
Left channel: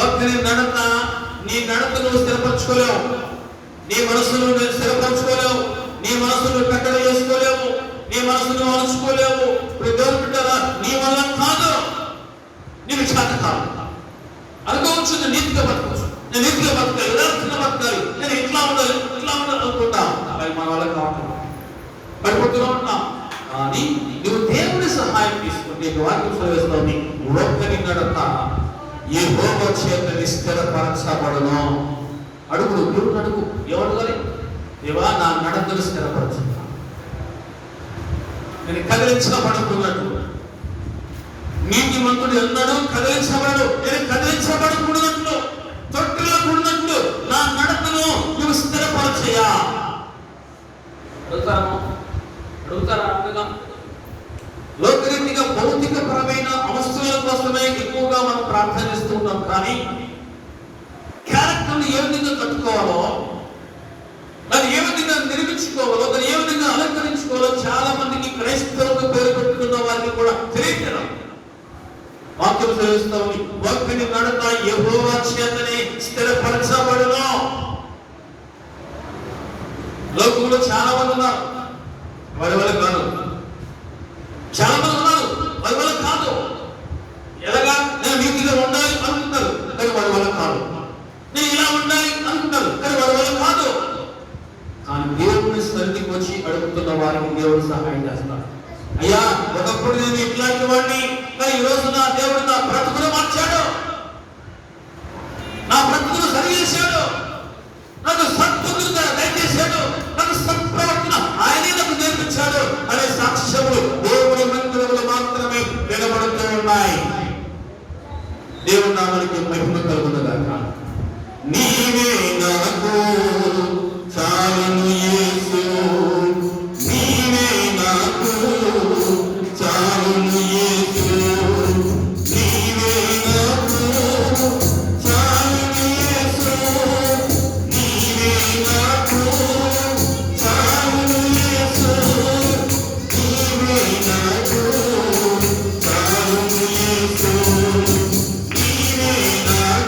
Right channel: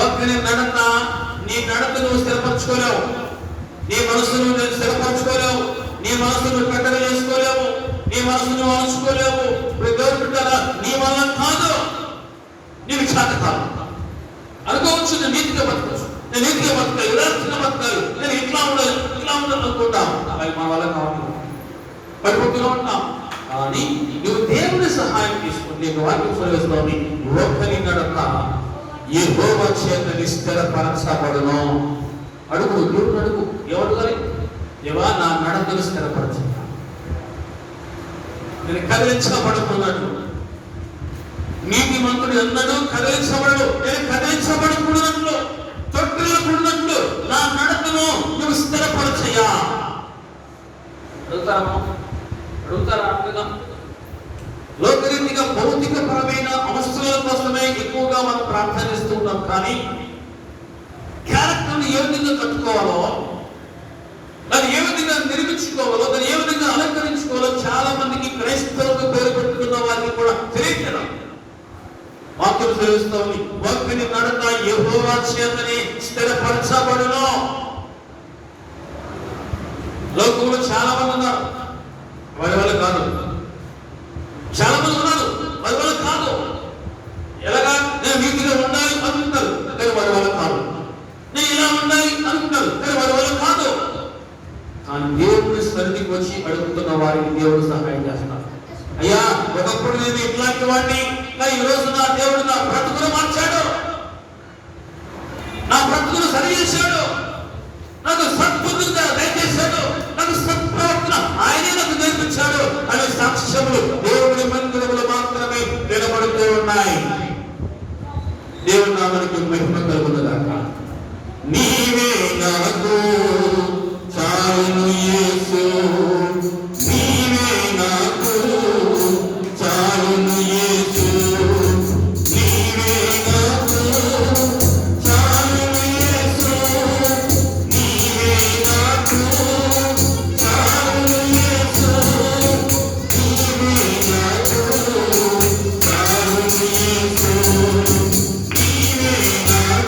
ఒకరి నడత, నీ నడతను స్థిరపరచుకోలేవు, నీ మనసును నేను స్థిరపరచుకోలేవు, నీ మనసును కట్టడ చేసుకోలేవు, నీ మనసును అణుచుకోలేవు. దేవుడు బిడ్డరా, నీ వల్ల కాదు, నీకు చేత కాదు. అనుకోవచ్చు నేను నీతిగా బతకవచ్చు, నేను నీతిగా బతకాలి, ఉదాహరణ బతకాలి, నేను ఇట్లా ఉండాలి అనుకుంటాను. అది మన వల్ల కావట్లేదు, పడిపోతూనే ఉంటాం. కానీ నువ్వు దేవుని సహాయం తీసుకుని నీకు వాక్యం చదివేస్తోంది. ఒకరి నడత యెహోవా చేతనే స్థిరపరచబడును. అడుగు, దేవుడు అడుగు, ఎవరు దేవా నా నడతను స్థిరపరచు, నేను కదిలించబడకూడదు. నీతిమంతుడు ఎన్నడూ కదిలించబడు, నేను కదిలించబడకూడదు, తొట్టిల్లకూడదు. నా నడతను నువ్వు స్థిరపరచయ్యా. అడుగుతారా? లోకరీతిగా భౌతిక పరమైన అవసరాల కోసమే ఎక్కువగా మనం ప్రార్థనిస్తూ ఉన్నాం. కానీ క్యారెక్టర్ని ఏ విధంగా కట్టుకోవాలో, దాన్ని ఏ విధంగా నిర్మించుకోవాలో, దాన్ని ఏ విధంగా అలంకరించుకోవాలో చాలా మందికి క్రైస్తవులకు పేరు పెట్టుకున్న వారికి కూడా తెలియదు. వాక్యం తెలుస్తుంది. ఒకరి నడత యెహోవా చేతనే స్థిరపరచబడును. లోకంలో చాలా మంది ఉన్నారు, వారి వల్ల కాదు. చాలా మంది ఉన్నారు, వారి వల్ల కాదు. ఎలాగా? నేను నీతిగా ఉండాలి అనుకుంటారు, కానీ వారి వల్ల కాదు. నేను ఇలా ఉండాలి అనుకుంటారు, కానీ వారి వల్ల కాదు. కానీ దేవుని సన్నిధికి వచ్చి అడుగుతున్న వారికి దేవుడు సహాయం చేస్తున్నారు. అయ్యా, ఒకప్పుడు నేను ఇట్లాంటి వాడిని, కానీ ఈ రోజు నా దేవుడు నా బ్రతుకును మార్చాడు, నా బ్రతుకును సరి చేశాడు, నాకు సద్బుద్ధులు దయచేశాడు, నాకు సత్ప్రవర్తన ఆయనే నాకు నేర్పించాడు అనే సాక్ష్యములు దేవుడి మందిరంలో మాత్రమే వినబడుతూ ఉన్నాయి. దేవుడు నామనికి మహిమ కలుగునుగాక. నీవే నాకు చాలును యేసు, నీవే నాకు చాలును యేసు, నీవే నాకు చాలును యేసు, నీవే నాకు చాలును యేసు, నీవే నాకు చాలును యేసు, నీవే నాకు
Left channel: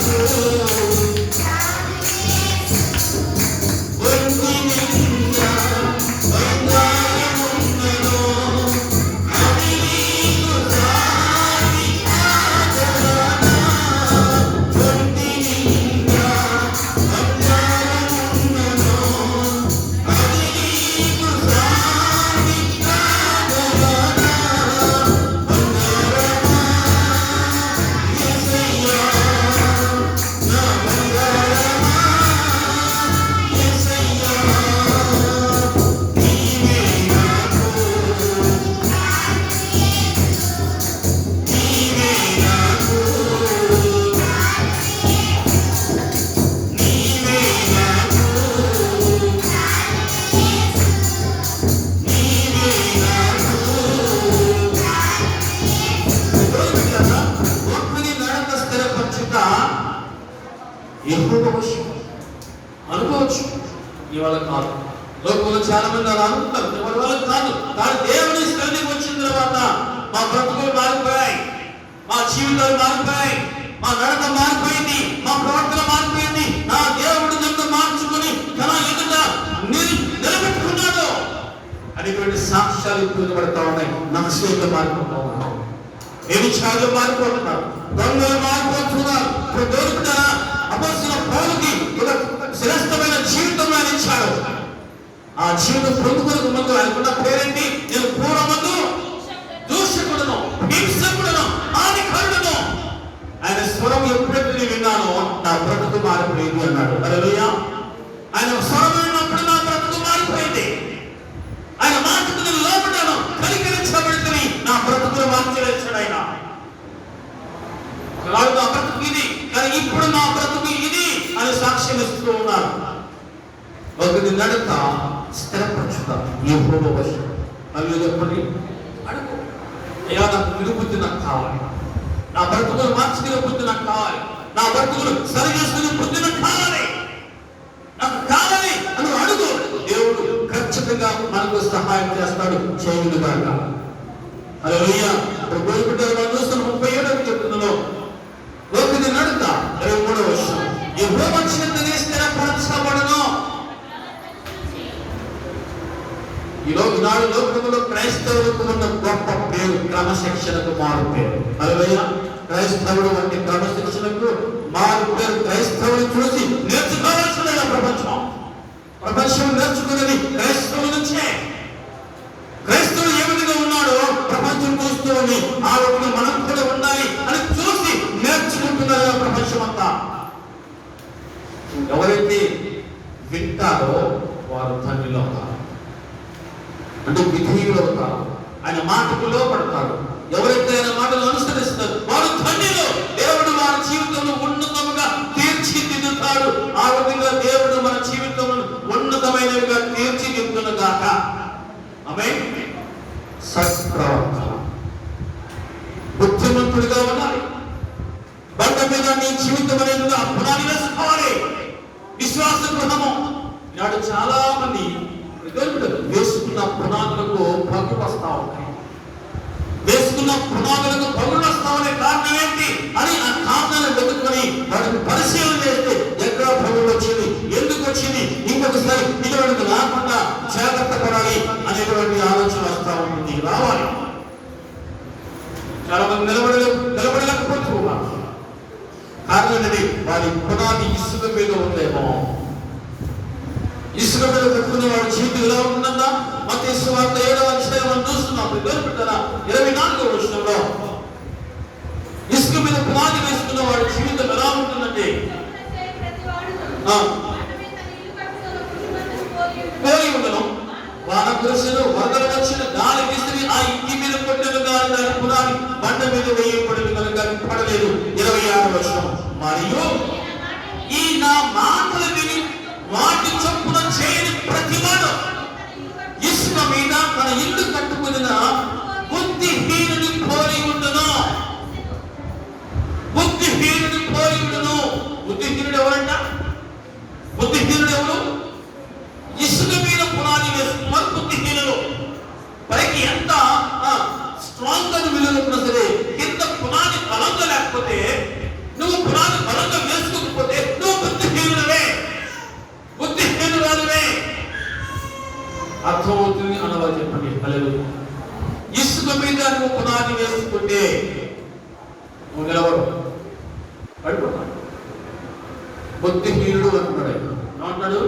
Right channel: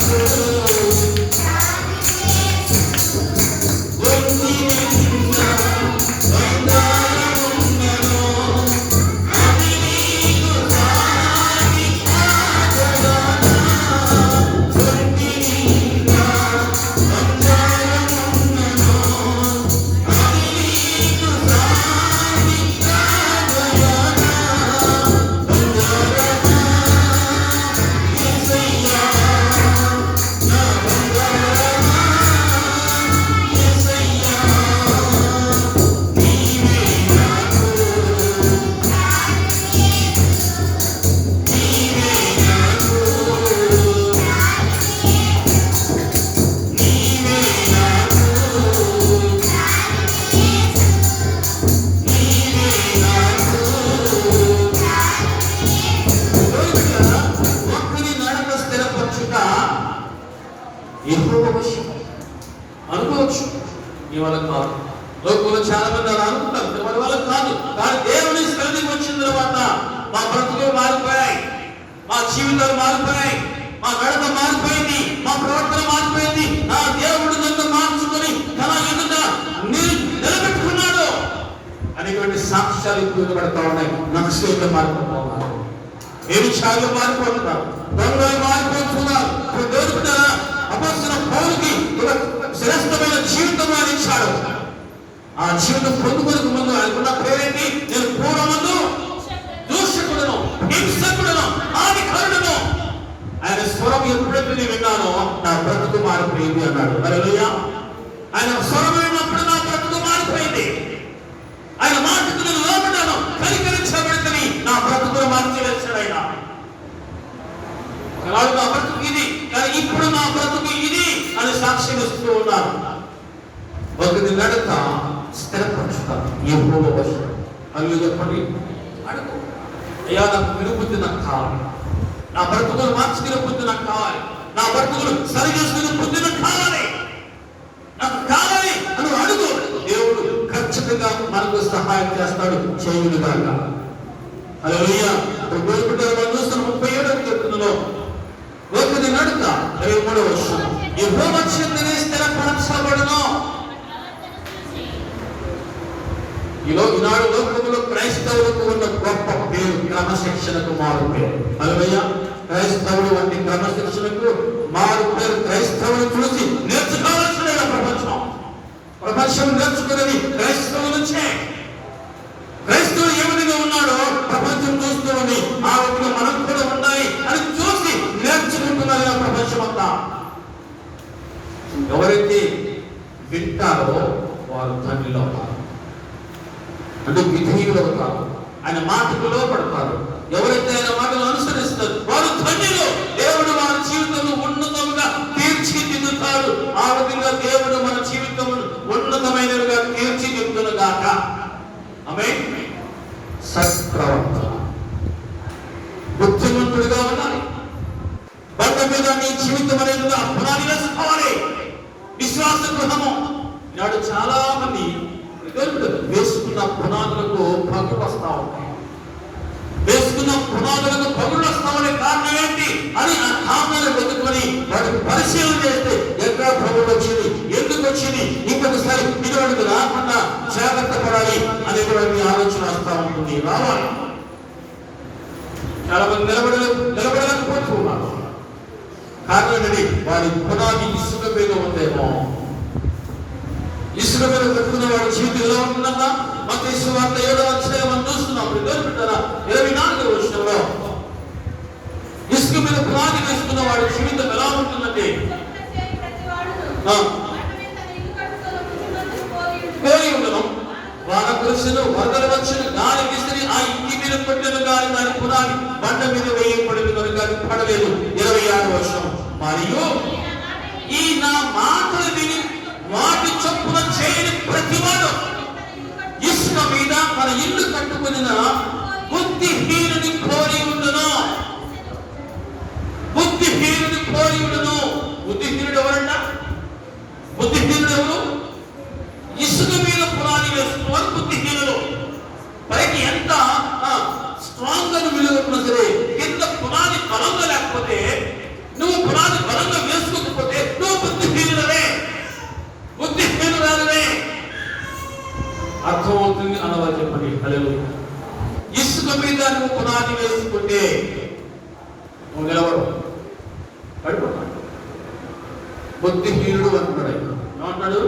అనుకోవచ్చు, నీ వల్ల కాదు. లోకంలో చాలా మంది అలా అనుకుంటారు, మన వల్ల కాదు. కానీ దేవుని సన్నిధికి వచ్చిన తర్వాత మా బ్రతుకులు మారిపోయాయి, మా జీవితాలు మారిపోయాయి, మా నడత మారిపోయింది, మా ప్రవర్తన మారిపోయింది. నా దేవుడు నన్ను మార్చుకొని తన ఎదుట నిలబెట్టుకున్నాడు అనేటువంటి సాక్ష్యాలు కూడబడతా ఉన్నాయి. నక్సలు మారిపోతా ఉన్నారు, వ్యభిచారులు మారిపోతున్నారు, దొంగలు మారిపోతున్నారు. దొరుకుతా అపొస్తలుడైన పౌలుకి శ్రేష్టమైన జీవితం ఆయన ఇచ్చాడు. ఆ జీవితం పొందుకునే ముందు ఆయనకున్న పేరేంటి? నేను పూర్వమందు దూషకుడును, హింసకుడును, హానికరుడును. ఆయన స్వరం ఎప్పుడైతే నేను విన్నానో నా బ్రతుకు మారిపోయింది అన్నాడు. హల్లెలూయా. ఆయన స్వరం విన్నప్పుడు నా బ్రతుకు మారిపోయింది. ఆయన మాటకు నేను లోబడ్డాను, కనికరించబడితే నా బ్రతుకు మార్చలేచాడు ఆయన. ఒకనాడు నా బ్రతుకు ఇది, కానీ ఇప్పుడు నా బ్రతుకు ఇది అని సాక్ష్యం ఇస్తూ ఉన్నారు. ఒకటి నడక స్థిరపరచుతాను యెహోవా వశం. అవి చెప్పండి, అడుగు. అయ్యా, నాకు విడుబుద్ధి నాకు కావాలి, నా బ్రతుకులు మార్చుకునే బుద్ధి నాకు కావాలి, నా బ్రతుకులు సరి చేసుకునే బుద్ధి నాకు కావాలి, నాకు కావాలి ఉన్నాడు చేయనుగాక. హల్లెలూయా. గోరుకుంటారు చూస్తున్న 37వ కీర్తనలో ఒకటి నడుక 23వ వచనం, యెహోవా చెంతనే స్థిరపరచబడును. ఈనాడు లోకంలో క్రైస్తవులకు ఉన్న గొప్ప పేరు క్రమశిక్షణకు మారు పేరు. హల్లెలూయా. క్రైస్తవుడు వంటి క్రమశిక్షణకు మారు పేరు. క్రైస్తవుని చూసి నేర్చుకోవాల్సిన ప్రపంచం నేర్చుకున్నది క్రైస్తవుల నుంచే. క్రైస్తవుడు ఏ విధంగా ఉన్నాడో ప్రపంచం చూస్తూ ఉంది, ఆ విధంగా మనం కూడా ఉన్నాయి అని చూసి నేర్చుకుంటున్నారు ప్రపంచం అంతా. ఎవరైతే వింటారో వారు తండ్రిలో కాదు, అంటే విధేయులు అవుతారు, ఆయన మాటకు లోపడతారు. ఎవరైతే ఆయన మాటలు అనుసరిస్తారు వారు తండ్రిలో. దేవుడు మన జీవితంలో ఉన్నతంగా తీర్చిదిద్దుతాడు. ఆ విధంగా దేవుడు మన జీవితంలో ఉన్నతమైనవిగా తీర్చిదిద్దునుగాక. ఆమేన్. సత్ప్రవర్తన, బుద్ధిమంతుడిగా ఉండాలి. బండ మీద నీ జీవితం అనేది పునాది వేసుకోవాలి. విశ్వాస గృహము. నాడు చాలా మంది వేసుకున్న పునాదులకు పగులు వస్తా ఉంటాయి. వేసుకున్న పునాదులకు పగులు వస్తామనే కారణం ఏంటి అని ఆ కారణాన్ని వెతుకొని వాటిని పరిశీలన చేస్తే ఎక్కడ పగులు వచ్చింది, ఎందుకు వచ్చింది, ఇంకొకసారి ఇటువంటి రాకుండా జాగ్రత్త పడాలి అనేటువంటి ఆలోచన వస్తూ ఉంటుంది. రావాలి. చాలా మంది నిలబడలేకపోతున్నారు. కారణం ఏంటి? వారి పునాది ఇసుక మీద ఉందేమో. ఇసుక మీద కట్టుకునే వాడి జీవితం ఎలా ఉంటుందన్నా మత్తయి సువార్త 7వ అధ్యాయం చూస్తున్నాం. 24వ వచనంలో ఇసుక మీద పునాది వేసుకున్న వాడి జీవితం ఎలా ఉంటుందంటే పోలి ఉండడం. వాన కురుసును, వరదలు వచ్చిన, గాలి విసిరి ఆ ఇంటి మీద కొట్టెను గాని దాని పునాది బండ మీద వేయబడిన కనుక పడలేదు. 26వ వచనం, మరియు ఈ నా మాటలు విని వాటి చొప్పున చేయని ప్రతివాడు ఇసుక మీద మన ఇల్లు కట్టుకుని బుద్ధిహీనుని పోలి ఉండును. బుద్ధిహీనుని పోలి ఉండును. బుద్ధిహీనుడు ఎవరంట? బుద్ధిహీనుడు ఎవరు? ఇసుక మీద పునాది వేస్తున్నారు బుద్ధిహీనులు. పైకి ఎంత స్ట్రాంగ్ గా విలువకున్నా సరే కింద పునాది బలంగా లేకపోతే, నువ్వు పునాది బలంగా వేసుకోకపోతే నువ్వు బుద్ధిహీనులవే, బుద్ధిహీనురాలవే. అర్థమవుతుంది అనగా చెప్పండి. హల్లెలూయా. ఇసుక మీద నువ్వు పునాది వేసుకుంటే నువ్వు నిలవడు, పడిపోతావు. బుద్ధిహీనుడు అంటున్నాడు. ఏమంటాడు?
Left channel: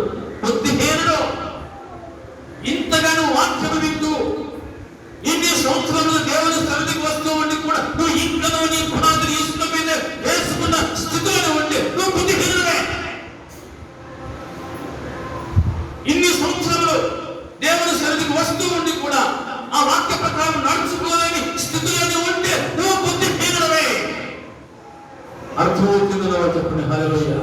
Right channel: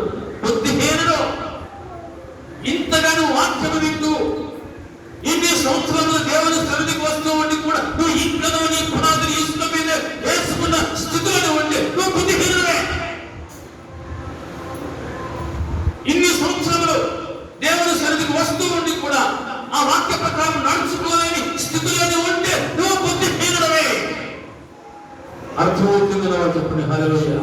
బుద్ధిహీనుడు. ఇంతగానో వాక్యము వింటూ ఇన్ని సంవత్సరాలు దేవుని సన్నిధికి వస్తూ ఉండి కూడా నువ్వు ఇంట్లో నీ పునాదులు ఇసుక మీద వేసుకున్న స్థితిలో ఉంటే నువ్వు బుద్ధిహీనుడే. ఇన్ని సంవత్సరాలు దేవుని సన్నిధికి వస్తూ ఉండి కూడా ఆ వాక్య ప్రకారం నడుచుకోలేని స్థితిలోనే ఉంటే నువ్వు బుద్ధిహీనుడవే. అర్థమవుతుంది చెప్పండి. హల్లెలూయా.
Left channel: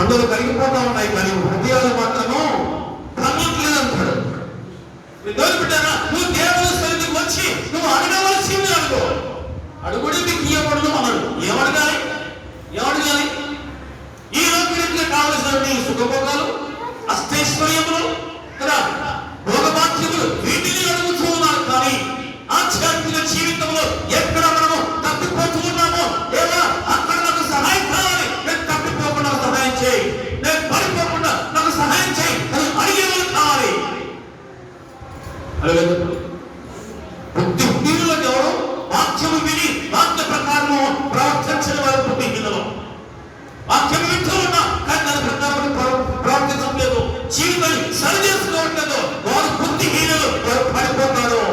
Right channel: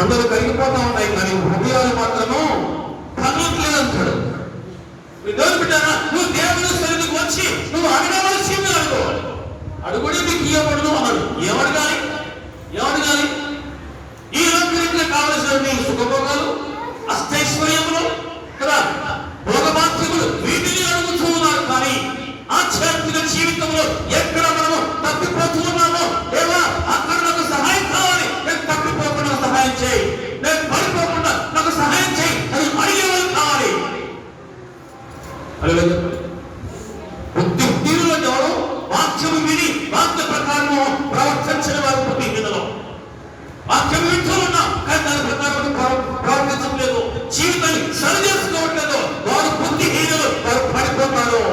అందరూ కరిగిపోతా ఉన్నాయి కానీ హృదయాలు మాత్రము కరగట్లేదంటాడు. బిడ్డారా, నువ్వు దేవుని సన్నిధికి వచ్చి నువ్వు అడగవలసింది అడుగు. అడుగుడే నీకు ఇవ్వబడును అన్నాడు. ఏమడగాలి? ఈ లోకంలో కావలసిన సుఖభోగాలు, అష్టైశ్వర్యములు, భోగభాగ్యములు, వీటిని అడుగుతూ ఉన్నారు. కానీ ఆధ్యాత్మిక జీవితంలో ఎక్కడ మనము తప్పిపోతున్నామో, లేదా అక్కడ నాకు సహాయం కావాలి, నేను తప్పిపోకుండా సహాయం చేయి, నేను పడిపోకుండా నాకు సహాయం చేయి అని అడిగేవాళ్ళు కావాలి. బుద్ధిహీనులు వాక్యము విని వాక్య ప్రకారము ప్రవర్తించిన వారు బుద్ధిహీనులు. వాక్యం వింటూ ఉన్నా కానీ దాని ప్రకారం ప్రవర్తించడం లేదు, జీవితాన్ని సరిచేసుకోవట్లేదు, వారు బుద్ధిహీనులు, వారు పడిపోతారు.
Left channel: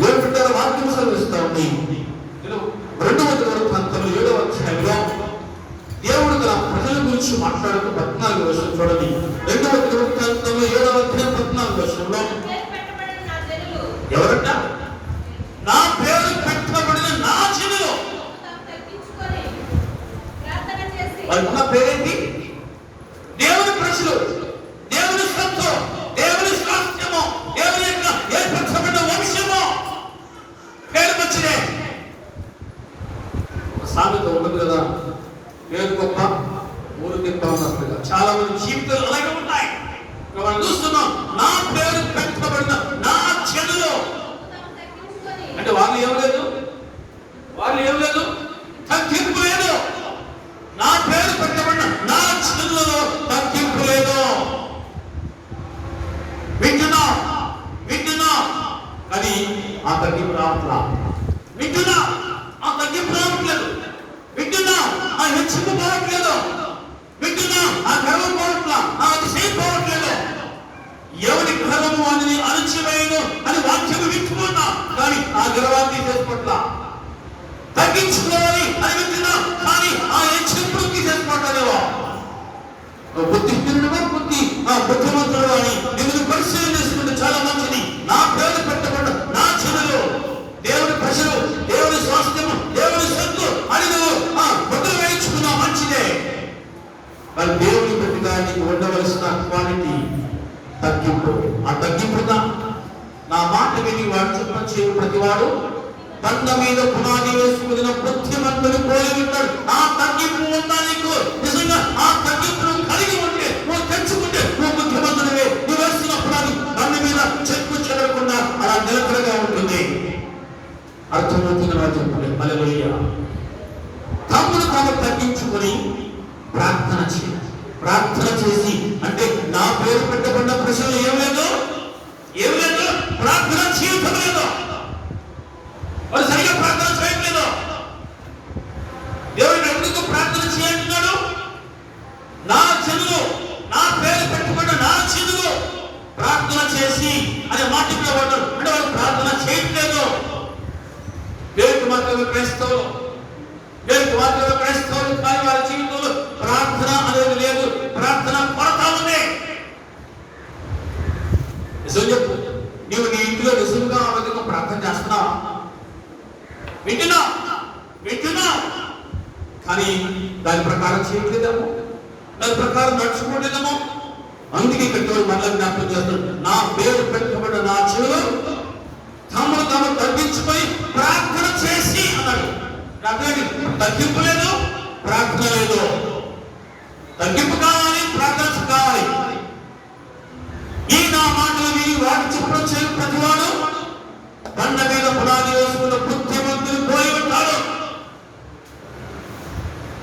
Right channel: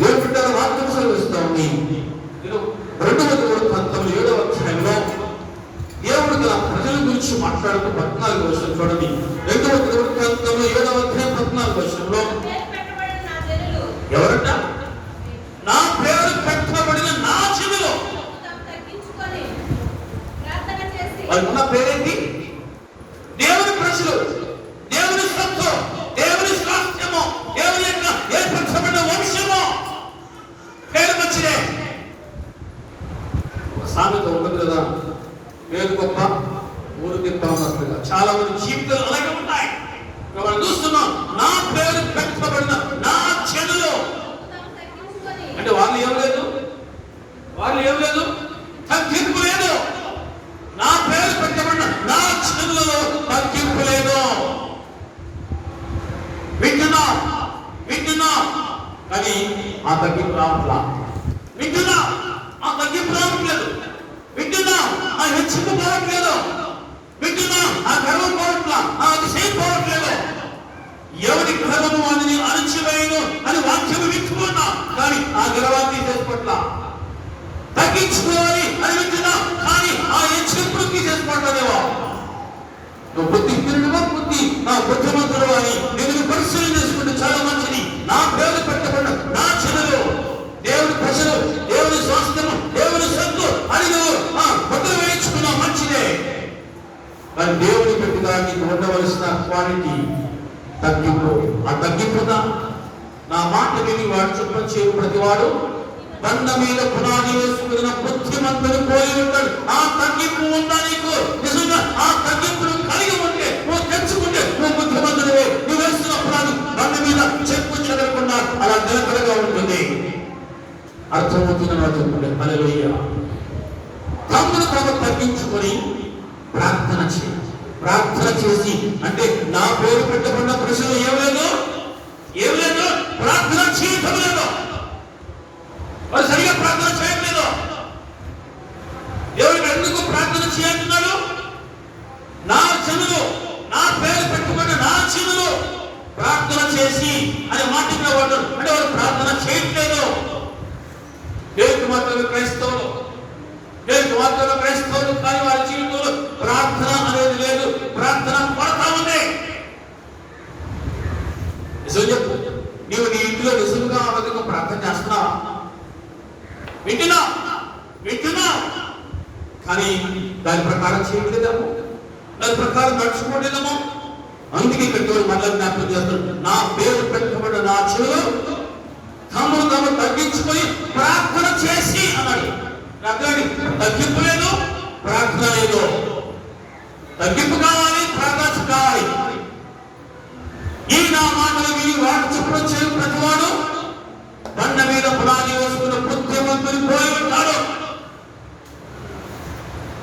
దేవుడి వాక్యం సెలవిస్తూ ఉంది. 2:19 అధ్యాయంలో దేవుడు గల ప్రజల గురించి మాట్లాడుతూ 14వ వచనం చూడండి. 2:19 అధ్యాయం 14వ వచనంలో ఎవరంట? నా పేరు పెట్టబడిన నా జనులు. వాళ్ళకున్న పేరేంటి? దేవుని ప్రజలు, దేవుని సొత్తు, దేవుని స్వాస్థ్యము, దేవుని యొక్క ఏర్పరచబడిన వంశము. పేరు మంచిదే. సామెత ఉండదు కదా, పేరు గొప్ప ఊరు గొప్ప. చాలా మంది జీవితాలు అలాగే ఉంటాయి. మనం చూస్తున్నాం, నా పేరు పెట్టబడిన నా చెడులో. అంటే వాళ్ళు ఏం లేదు, తగ్గింపు లేదు. నా పేరు పెట్టబడిన నా చెడులలో తగ్గింపు లేదు. వింటున్నా కానీ ఆ తగ్గింపు రావట్లా. వింటున్నా ఆ తగ్గింపు రావట్లేదు. వింటున్నా ఆ హెచ్చింపు పోవట్లేదు. వింటున్నా ఆ గర్వం పోవట్లా, ఆ అతిశయం పోవట్లేదు. ఎవరి గర్వము అని అణచివేయను అని వాక్యం వింటున్నా కానీ ఆ గర్వాన్ని చేసుకోవట్లా. తగ్గించుకోవాలి అని వింటున్నా కానీ ఆ హెచ్చింపు తీసేసుకోవట్లేవో. బుద్ధిహీనుడుగా బుద్ధిమంతుడు అని నేను పరిశీలన చేసుకుంటే చాలా మంచిది. నా పేరు పెట్టబడ్డ నా చెడులో దేవుని ప్రజలు, దేవుని స్వాస్థ్యము, దేవుని సత్తు అని నువ్వు ముద్ర వేయించుకున్నా మంచిదే. మరి దేవుని పెట్టిగా నీకు ఉండవలసిన క్వాలిటీ తగ్గింపు. ఆ తగ్గింపుగా నా మాట విని వాడు చెప్పొచ్చే ప్రతివాడు బండ మీద పునాది వేసుకున్న బుద్ధిమంతుడు పోయి ఉంటాడు. ఆ తగ్గింపు ఉందా నీకు? నిజంగా ఆ తగ్గింపును కలిగి ఉంటే, నువ్వు తెచ్చుకుంటే నువ్వు బుద్ధిమంతుడివే. నువ్వు వేస్తున్న పునాది బండ మీద చెక్కు చెదరకుండా అలా నిలకడగా ఉంటుంది. అర్థమవుతుంది నా చెప్పుకుంటే. హల్లెలూయా. తమ్ముడు తాము తగ్గించుకొని ప్రార్థన చేసి, అంటే నా పేరు పెట్టబడిన ప్రశ్నలు ఏం లేదు, ప్రార్థన జీవితం లేదు. వారు సరిగా ప్రార్థన చేయట్లేదు. దేవుడికి ఎందుకు ప్రార్థన చేయంటున్నాడు? నా చెవులు, నా పేరు పెట్టుకున్న నా చెవులు ప్రార్థన చేసి అనే మాట ఇక్కడ పడ్డాడు. అంటే వాళ్ళు ప్రార్థన చేయట్లేదు. దేవుడికి మాత్రమే క్రైస్తవులు కానీ వాళ్ళ జీవితంలో ప్రార్థన అనేది లేదు. ప్రార్థన కొరత ఉంది. నిజం చెప్పు, నీవు నీ ఇంట్లో నిజంగా ఆమెకు ప్రార్థన చేస్తున్నావా? వింటున్నా కానీ దాని ప్రకారం చేయలేదేమో, దాని ప్రకారం నడుచుకోలేదేమో. అందుకే ఇక్కడ మళ్ళీ జ్ఞాపకం చేస్తాడు, నా పేరు పెట్టబడిన నా చెవులు తాము తగ్గించుకొని ప్రార్థన చేసి అన్నాడు. తగ్గింపు లేదు, ప్రార్థన లేదు. తగ్గింపు కావాలి, ప్రార్థన కావాలి. ఈ నా మాటలు విని వాడు చెప్పడం చేయి ప్రతివాడు బండ మీద పునాది వేసుకున్న బుద్ధిమంతులు పోయి ఉంటాడు.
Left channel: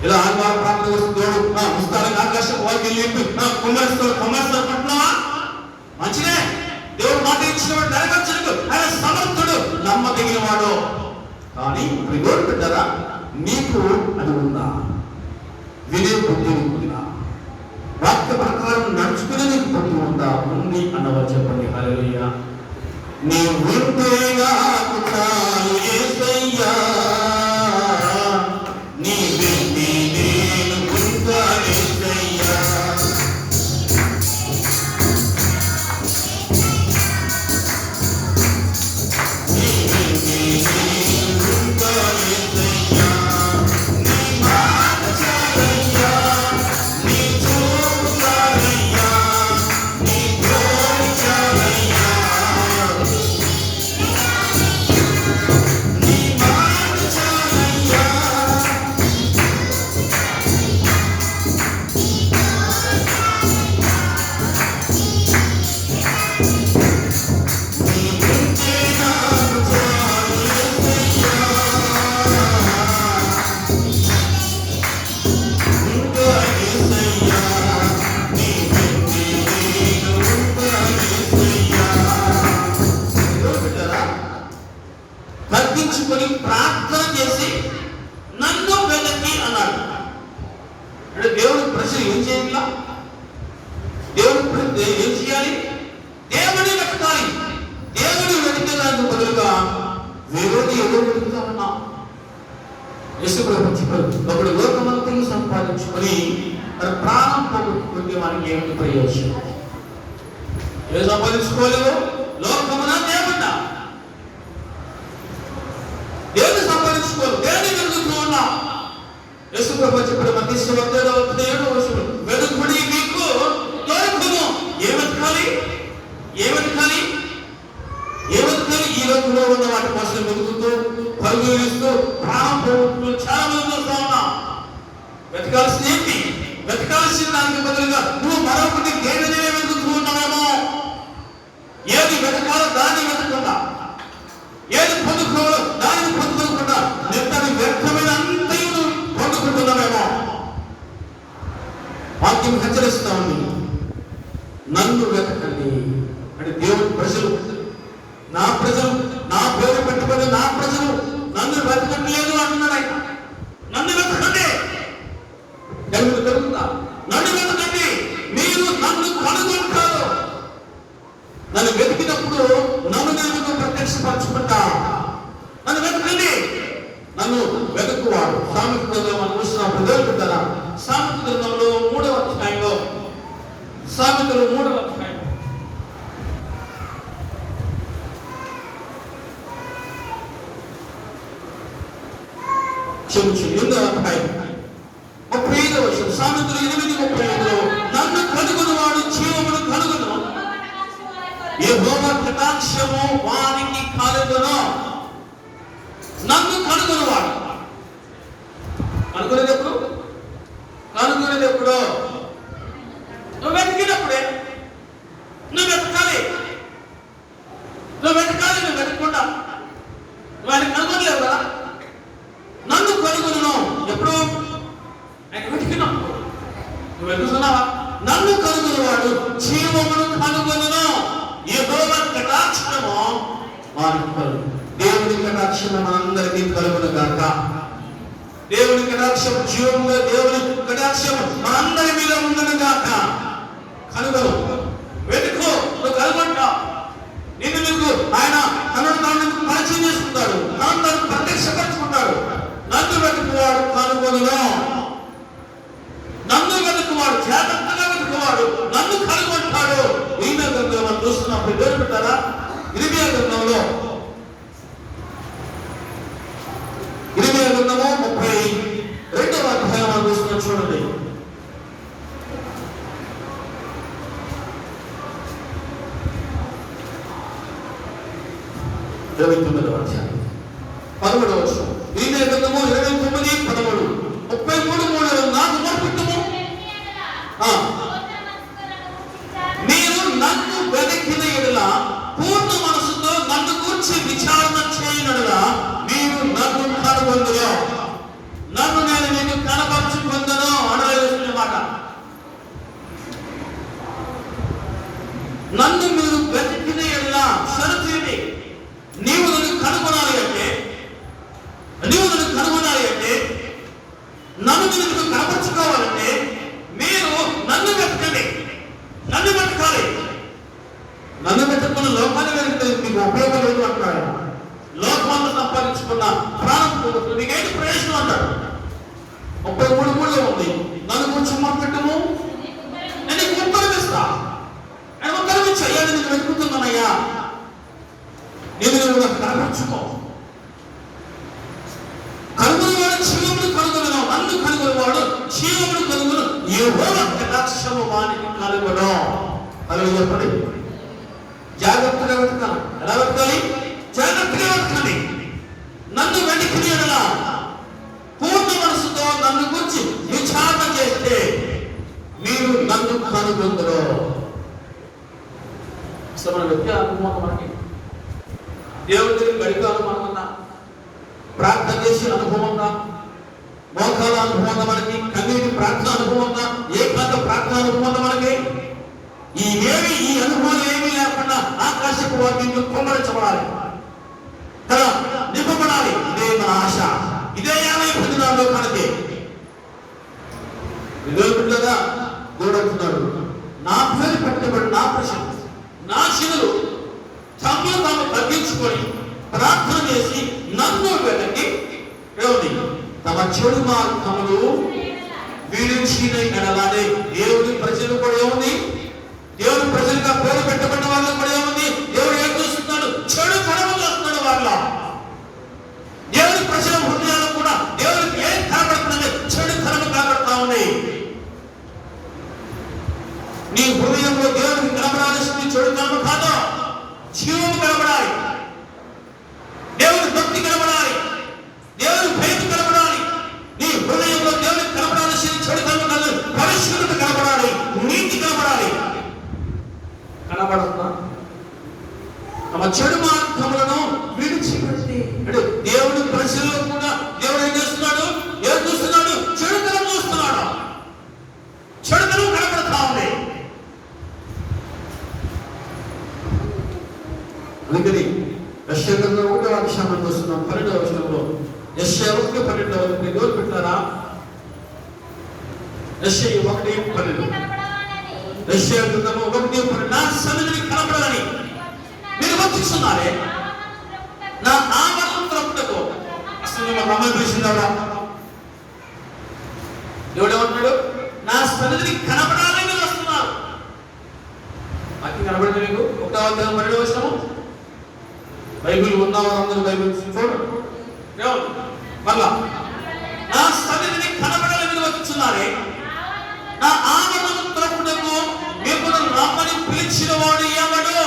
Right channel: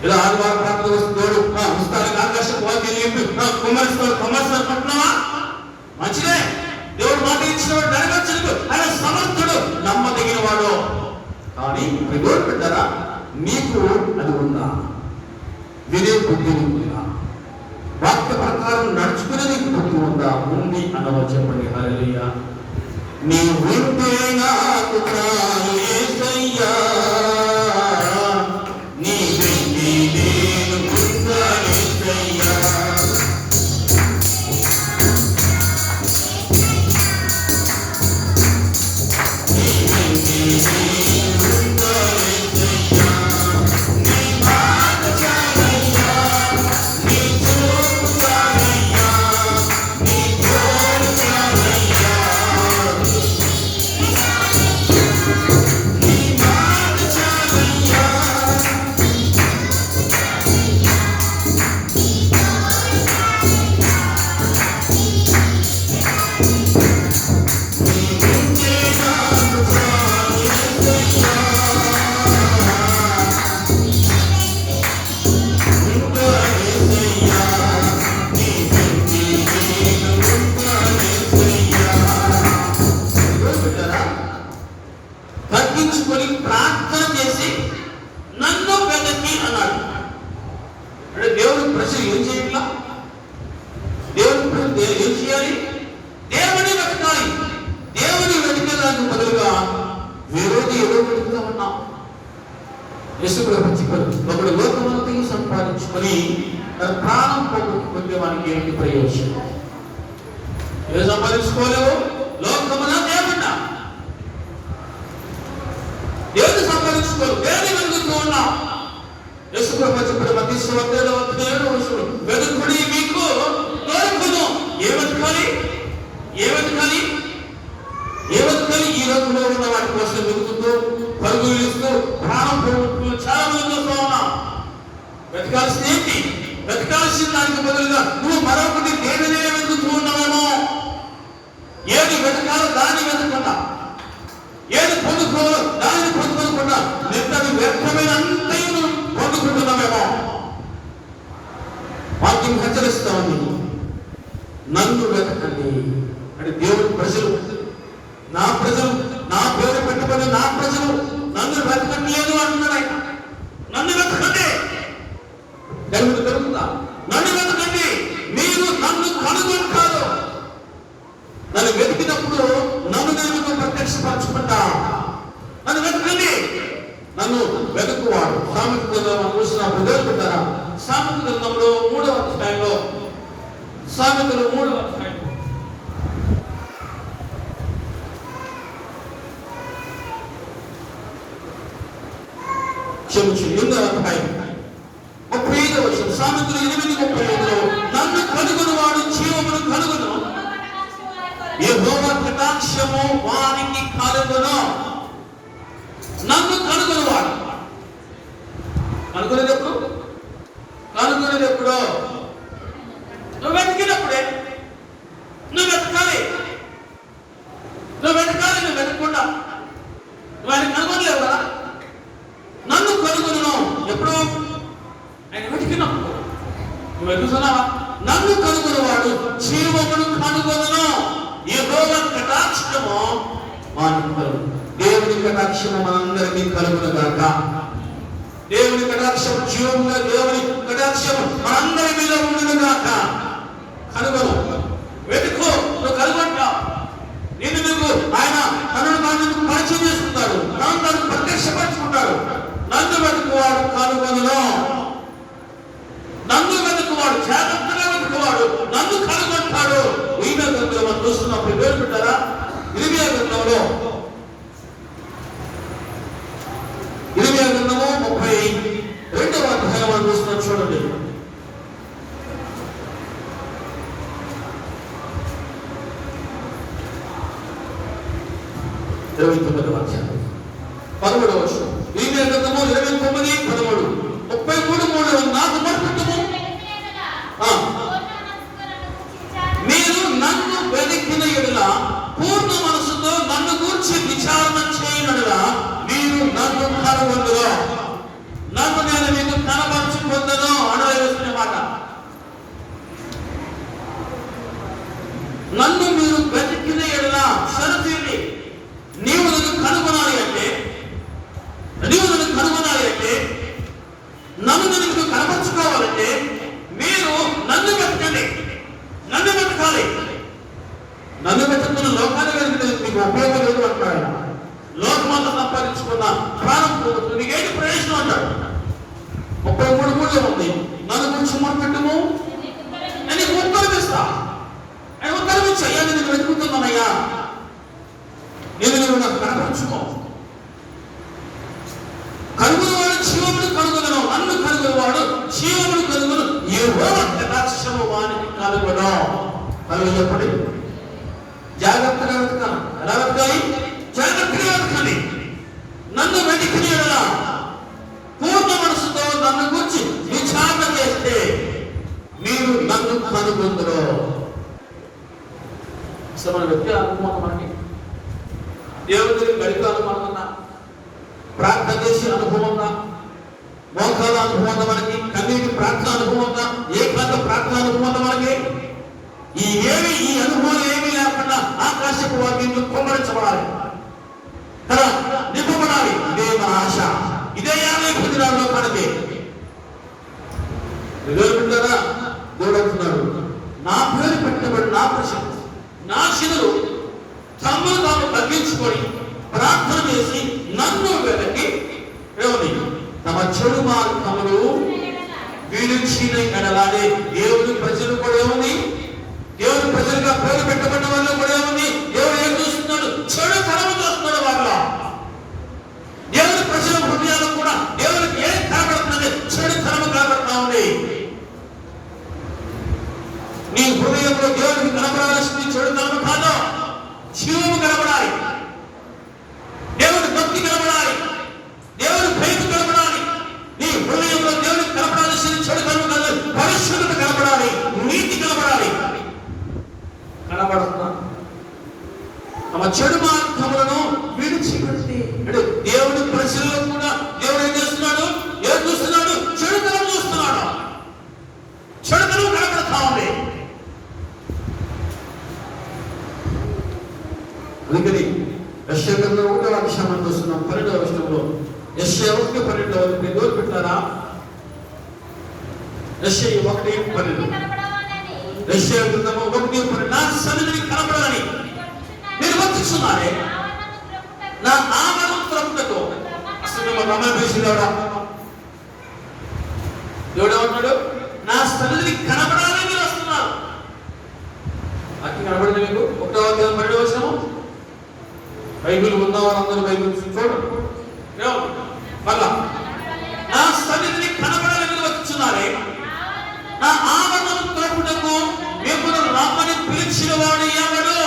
ఇలా ఆదివారం ప్రార్థన వస్తున్నాడు, పుస్తకాలకు ఆకాశం వాక్యం కుమరిస్తాడు పట్టినావా? మంచిదే. దేవుడు మాట ఇచ్చినవాడు, నెరవేర్చడు. ఆయన సమర్థుడు, నమ్మదగిన వాడు. కానీ దేవుడు పెట్టారా, నీకు అది ఉందా? వినే బుద్ధి ఉందా? వాక్య ప్రకారం నడుచుకునే నీకు బుద్ధి ఉందా? ఉంది అన్నవారు చెప్పండి. హల్లెలూయా. నీ వింటే నాకు చాలు యేసయ్యా, నీ వింటే నేను ఉంటాను యేసయ్యా. నీ వింటే నేను ఉంటాను యేసయ్యా, నీ మాట చాలయ్యా, నీ చూపు చాలయ్యా, నీ తోడు చాలయ్యా. తగ్గించుకొని ప్రార్థన చేసి నన్ను వెదకి అన్నాడు. అంటే దేవుడు ప్రజలు ఏం చేయాలి? దేవుడు ఏం చేయాలి? దేవుని వెతకాలి. దేవుని వెతకడానికి బదులుగా విరోధి ఏదో వెతుకుతా ఉన్నాం. యేసుప్రభు చెప్పారు, ఒకడు లోకమంతా సంపాదించుకొని తన ప్రాణం పోగొట్టుకుంటే మనకి ఏంటి ప్రయోజనం? ఏదో సంపాదించుకోలేవు, లోకమున దేవుడా దేవుని సంపాదించుకోలేదు, దేవుని వెతుకుతూ ఉన్నాం. యేసుప్రభు చెప్పిన మత్తయి 7:7 వెతుకుడి మీకు దొరుకును. ఏ వెతకాలి? ఈ లోకంలో ఉన్న వాటి కోసం వెతుకుతూ పరుగులు ఇస్తూ ప్రాణం పోగొట్టుకుని చాలా మంది వస్తూ ఉన్నాం. వెతకాల్సింది ఏంటి? వెతకాల్సిన దానికి బదులుగా నువ్వు మరొకటి దేనినే వెతుకుతూ ఉన్నావేమో. ఏది వెతకాలో దాన్ని వెతకుండా, ఏది పొందుకోవాలో దానిని పొందుకోకుండా నిన్నది వ్యర్థమైన అంతయు పొందుకుంటున్నామేమో. వాక్యం హెచ్చరిస్తామని నన్ను వెతకండి అంటే దేవుడు ప్రజలు, నా ప్రజలు, నా పేరు పెట్టుకున్న నా ప్రజలు నన్ను వెతకట్లేదు అంటున్నాయి. నన్ను వెతకండి, తెలుగుతా నన్ను వెతకండి, మీరు నన్ను కనుగొంటారు. నన్ను వెతికినప్పుడు నన్ను నేను ప్రత్యక్షపరచుకుంటా. నన్ను వెతకండి, నన్ను వెతుకువాడు. సామెత గ్రంథం చూసినప్పుడు వెతుకుతారా? సామెత గ్రంథంలో 3వ అధ్యాయంలో, సామెతలు 3వ అధ్యాయం సామెతలు 8:35 నన్ను కనుగొనవాడు జీవమును కనుగొను, యెహోవా కటాక్షము వానికి కలుగును. నన్ను కనుగొనవాడు, కనుగొనేది ఎప్పుడు? కనుగొనేది ఎప్పుడో? నువ్వు వెతికినప్పుడే. నువ్వు వెతకాలి, నువ్వు వెతకాలి. నువ్వు వెతకుండా వాడిని కనుగొనలేవు కదా. నన్ను కనుగొనను ఎప్పుడు? ఆయన వెతికినప్పుడు. నువ్వు వెతుకుతున్నావా? నన్ను కనుగొనవాడు జీవమును కనుగొనను, యెహోవా కటాక్షము వానికి కలుగును. దేవుని కటాక్షము మనందరికీ కలుగునుగాక. దేవుని కటాక్షం జీవముగా, దేవుని కటాక్షం మనందరి మీద ఉండునుగాక. కనుగొను, వెతుకో, నువ్వు కనుగొంటా. నేను నీకు ఆయన తనను తాను పరిచయం చేసుకుంటాడు, తాను తాను ప్రత్యక్షపరచుకుంటాడు. నన్ను వెతుకువాడు కనుగొనను, నన్ను వెతుకువాడు జాగ్రత్తగా వెతుకువాడు నన్ను కనుగొంటాడు. ఈయన గ్రంథంలో చూస్తున్నప్పుడు పేరు పెట్టారా? ఇర్మియా గ్రంథంలో 32వ అధ్యాయం చూస్తున్నాం, చూడండి. ఇరవై 13వ అధ్యాయం 13వ వచనం. ఇర్మియా గ్రంథము 29:13 33:3 నాకు మొరపెట్టుము, నేను నన్ను వెతికిన యెడల పూర్ణ మనసుతో నన్ను గూర్చి విచారణ చేయనడలా మీరు నన్ను కనుగొందురు, నన్ను నేను నీకు కనబరుచుకొందును అనవలసిన మాట. నన్ను మీరు వెతికిన యెడల షరతేంటి? నీవు నన్ను కనుగొనాలి అంటే, నన్ను నీకు కనపరుచుకోవాలంటే మీరు నన్ను వెతకండి, నన్ను వెతకాలి. నన్ను వెతుకున్న లోకాన్ని వెతికితే మీకు ఉపయోగం లేదు అంటాడు. లోకమంతా సంపాదించుకున్న ప్రాణం నీకేంటి ప్రయోజనం అంటాడు. 33:3 ఉంది. నన్ను కొంచెం మొరపెట్టుము, నేను నీకు ఉత్తరమిస్తా. ఆయన ఉత్తరమిచ్చా, నీకు వెతుకుతున్నానయ్యా, నేను నువ్వు నాకు కనపరుచుకో. కనుగొనవాడు జీవమును కనుగొనను, నన్ను కనుగొనవాడు జీవమును కనుగొను, యెహోవా కటాక్షము వానికి కలుగును. కలుగునప్పుడు జాగ్రత్తగా వెతకాలి. ఎలా వెతకాలి? జాగ్రత్తగా వెతకాలి. నన్ను వెతికిన యెడల పూర్ణ మనసుతో నన్ను గురించి విచారణ చేస్తే మీరు నన్ను కనుగొందురు. అసలు వ్యక్తి అనుభవం మనకి దేవుడికి గడిగా అనుభవం, ప్రార్థన చేసే అనుభవంగా, మోకాల అనుభవంగా, మనకి కన్నీటి ప్రార్థన అనుభవంగా, ఏకాంత ప్రార్థన అనుభవంగా మనకి ఈ అనుభవాలు ఏమీ లేకుండా ఆకాశపు వాక్యం కుమ్మరించబడాలి కదా, నింపబడాలి. ఇదే మన ఆశ, ఇదే 50 దినాల్లో మనకి. దేవుడు అంటున్నాడు, నా పేరు పెట్టబడి నా ప్రజలు, నా శిలులు తమను తాము తగ్గించుకొని ప్రార్థన చేసి నన్ను వెతకి తమ చెడు మార్గములు విడిచిన ఎడలానే. దేవుని ప్రజలు కూడా ఉంది, దేవుని ప్రజలుగా పేరు పెట్టబడిన వాళ్ళు కూడా ఉంది. దేవుడు ఏం చూస్తున్నాడు? చెడు తరము చూస్తున్నాడు వాళ్ళ. దేవుని ప్రజల హృదయాలు కూడా దేవునికి ఏం కనబడుతుంది? చెడు తరము కనబడతా ఉంది. నీ హృదయంలో దేవునికి కనబడాల్సింది చెడు తరము కాదు, జీవము కనబడాలి, దేవుని భక్తి కనబడాలి, దేవుని ప్రేమ కనబడాలి. నీ హృదయంలో దేవునికి కనబడాల్సింది చెడు తరము కాదు, యెషయా 1:12 ఎవరు పెట్టారా? యెషయా 1:12 యెషయా గ్రంథము 1:12 నా సన్నిధిని కనబడాలని మీరు వచ్చుచున్నారే, నా ఆవరణం త్రొక్కుటకు. అసలు మా మమ్మల్ని పిలిచింది ఎవరా? దేవుడు ఏమంటున్నాడు? నా సన్నిధిని కనబడాలని మీరు వస్తున్నారు. అక్కడ కనబడింది మీకు 1:12 బైబిల్ ఉన్నవారు అందరూ బైబిల్ చూడండి. మళ్ళా నా సన్నిధిని కనబడాలని వచ్చుచున్నారే, నా ఆవరణం త్రొక్కుటకు మిమ్మల్ని రమ్మని పిలిచిన వాడు ఎవడు?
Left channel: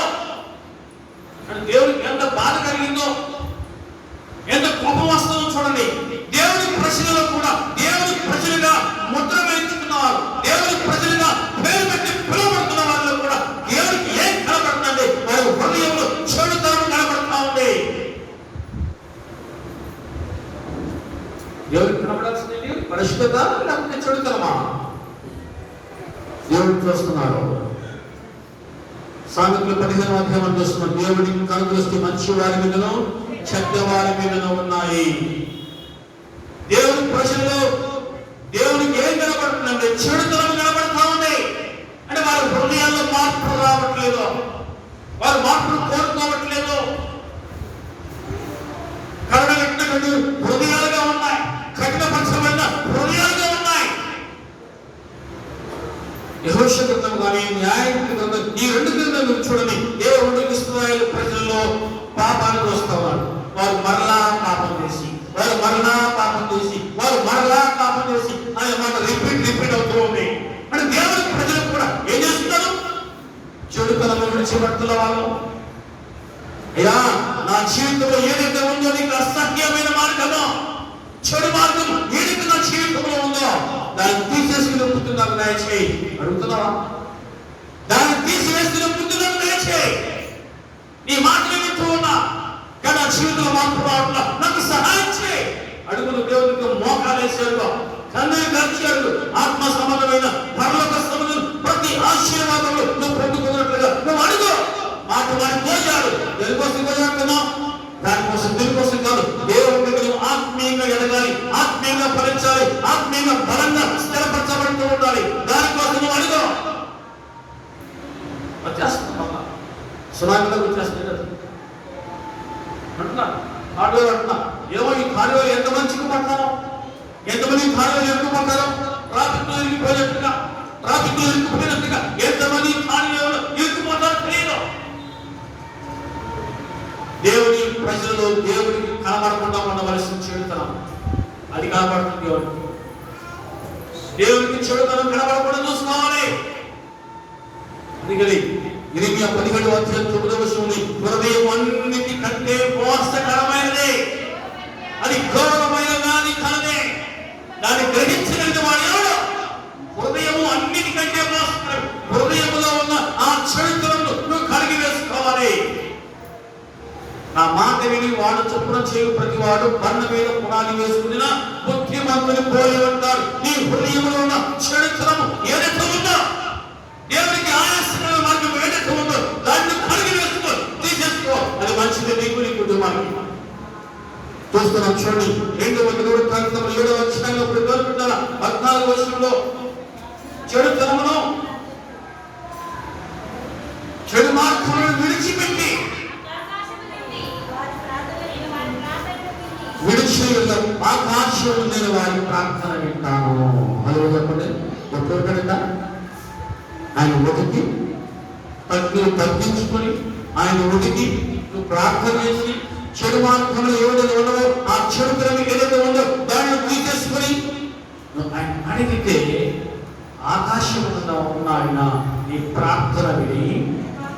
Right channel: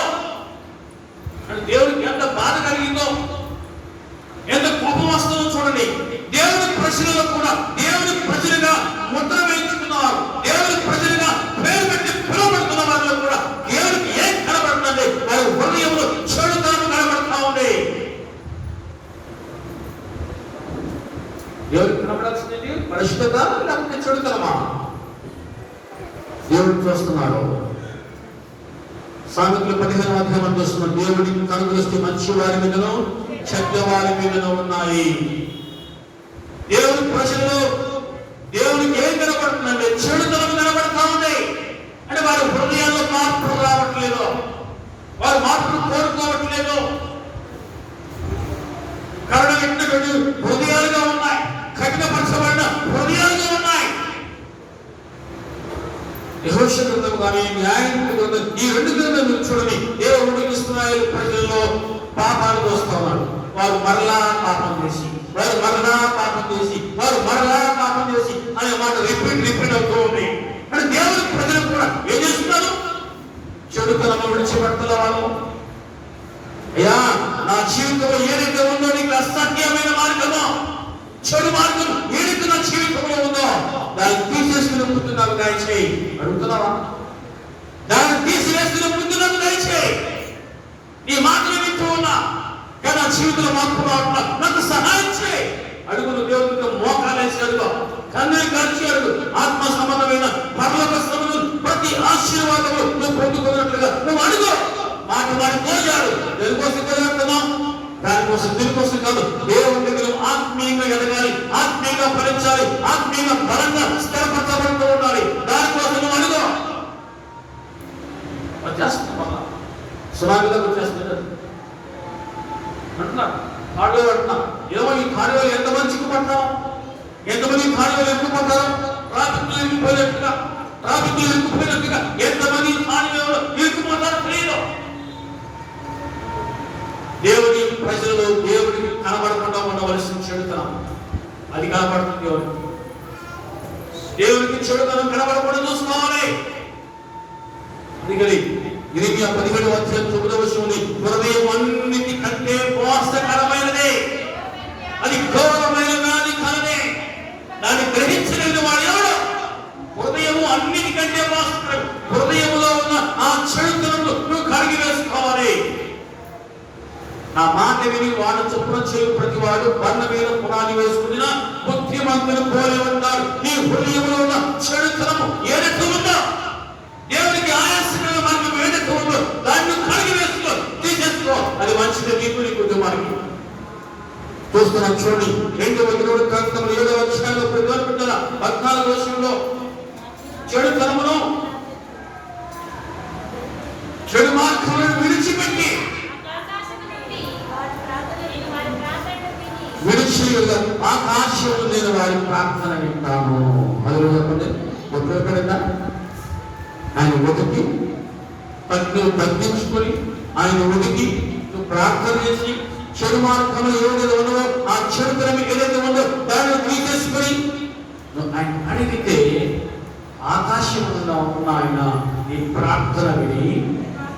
అని దేవుడికి ఎంత బాధ కలిగిందో, ఎంత కోపం వస్తుందో చూడండి. దేవుడి ప్రజలలో కూడా దేవుడి ప్రజలుగా ముద్ర వేయించుకున్నవారు, దేవుడి ప్రజలుగా పేరు పెట్టి పిలువబడుతున్న వారిలో కూడా దేవుడికి ఏం కనబడుతుంది? వారి హృదయంలో చెడుతనం కనబడుతూ ఉంది. దేవుడికి కనబడాల్సింది పరిశుద్ధత లేకపోతే చెడుతనమా? దేవుడు చూస్తున్నాడు. సామెతలు 15వ చూస్తున్నాం. దేవుడికి కనుక చేస్తే మంచి వారి మీదను చెడ్డ వారి మీదను ఉన్నాయి. దేవుడి ప్రజలలో దేవుడికి ఏం కనబడుతుందంటే చెడుతనం కనబడుతూ ఉంది. అంటే వారి హృదయాల్లో మార్పు రావట్లేదు, వారు మార్పును కోరుకోవట్లేదు. కరుణగట్టినటువంటి హృదయాలుగా ఉన్నాయి, కఠినపరచబడిన హృదయాలుగా ఉన్నాయి. యెహోషువ గ్రంథం కానీ న్యాయాధిపతుల గ్రంథం, ఈ రెండు గ్రంథాలు చూడండి. దేవుడు ఇశ్రాయేలు ప్రజల్లో పాపాలు వస్తున్నారు. వారు మరలా పాపం చేసి, వారు మరలా పాపం చేసి, వారు మరలా పాపం చేసి అనే మాట రిపీట్ అవుతూ ఉంది. అంటే దేవుడి ప్రజలు కూడా ఏం చేస్తున్నారు? చెడుతనంలో విడిచిపెడుతున్న వాళ్ళు. అయ్యా, నా జీవితంలో ఏదైతే ఉందో నీకు అసహ్యమైన మార్గమో, చెడు మార్గం ఏదైతే నా జీవితంలో ఉందో దాన్ని తీసేసుకుని ఒప్పుతున్నావు దయచేయి. అడుగుతున్నావా? దాన్ని తీసివేసుకుని ఒప్పుతున్నావు దయచేయి. నీ మాటలు వింటూ ఉన్నా కానీ నా జీవితంలో మార్పు రావట్లా, నాకు సహాయం చేయి. అడుగులు దేవుడికి మోకాలేసాడు, కన్నీరు గడిచాడు. ఆత్మ సంబంధమైన పరలోక సంబంధం ప్రతి ఆశీర్వాదంలో నువ్వు పొందుకున్నట్లుగా నువ్వు అడుగు. మాట వాడిని మోసాడు. దేనికోసం కలుగుతున్నావు? దానికోసం, దీనికోసం కాదు. దేవుడి దగ్గర ఆత్మీయంగా ఎదగాలి, ఆత్మీయంగా ఫలించాలి, ఆత్మీయంగా బలంగా స్థిరపరచబడుతూ ఉండాలి. దానికోసం నువ్వు అడుగు. వచ్చేస్తున్నా సునామీలో వచ్చేస్తుంది అంటున్నా, కాడులో అంటున్నా. ఏమో ఈ కాడులో ఎంతమంది చిక్కుపడతారు, ఎంతమంది కాడులో ఇరుక్కుపడతారు? ట్రాఫిక్ లో ఇరుక్కుపోయినట్టుగా ఎంతమంది కాడులో ఇరుక్కుపోతారు తెలియదు. దేవుడి ప్రజల్లో దేవుడికి కనబడకుండా ఉండవలసిన చెడుతనం అది కనబడుతుంది. దేవుడికి చెడుతనం కనబడకుండా చూసుకోవాలి. అందుకని ఇరిమియా 17:9 హృదయం అన్నిటి కంటే మోసకరమైనది, అది ఘోరమైనది, అది కలదే. దాన్ని గ్రహించగలిగిన వాడు ఎవడు? హృదయము అన్నిటికంటే మోసకరం. హృదయంలో ఉన్న ఆ చెడుతనంలో నువ్వు కడిగి వేసుకోవాలి. నా మాట విని వాడు చొప్పున చేయు ప్రతి వాడు బండ మీద పునాది వేసుకున్న బుద్ధిమంతుని పోలి ఉంటాడు. నీ హృదయంలో ఉన్న చెడుతనము ఏదైతే ఉందో, దేవుడికి ఆయాసమైన మార్గం ఏదైతే ఉందో దాన్ని కడిగి వేసుకో, తీసేసుకో. అది మంచిది నీకు, నీ కుటుంబానికి. చూస్తున్నాం చూడండి. 2వ గ్రంథం 7వ అధ్యాయంలో 14 చెడుతనమును, చెడు మార్గములను విడిచిపెట్టి ఆకాశం నేను వారి ప్రార్థన వింటాను. మొదలు చెప్పండి. ఎప్పుడు ఎక్కడన్నా ఆయన వెతికి నువ్వు తగ్గించుకుని ఆయన వెతికి నువ్వు ప్రార్థన చేసి చెడు మార్గంలో ఏదైతే ఉండవో ఆ చెడు క్రమం ఏదైతే ఉందో దాన్ని తీసేసుకుని నువ్వు ఆయన అడిగితే ఆకాశంలో ఉన్న ఆయన నీ ప్రార్థన విని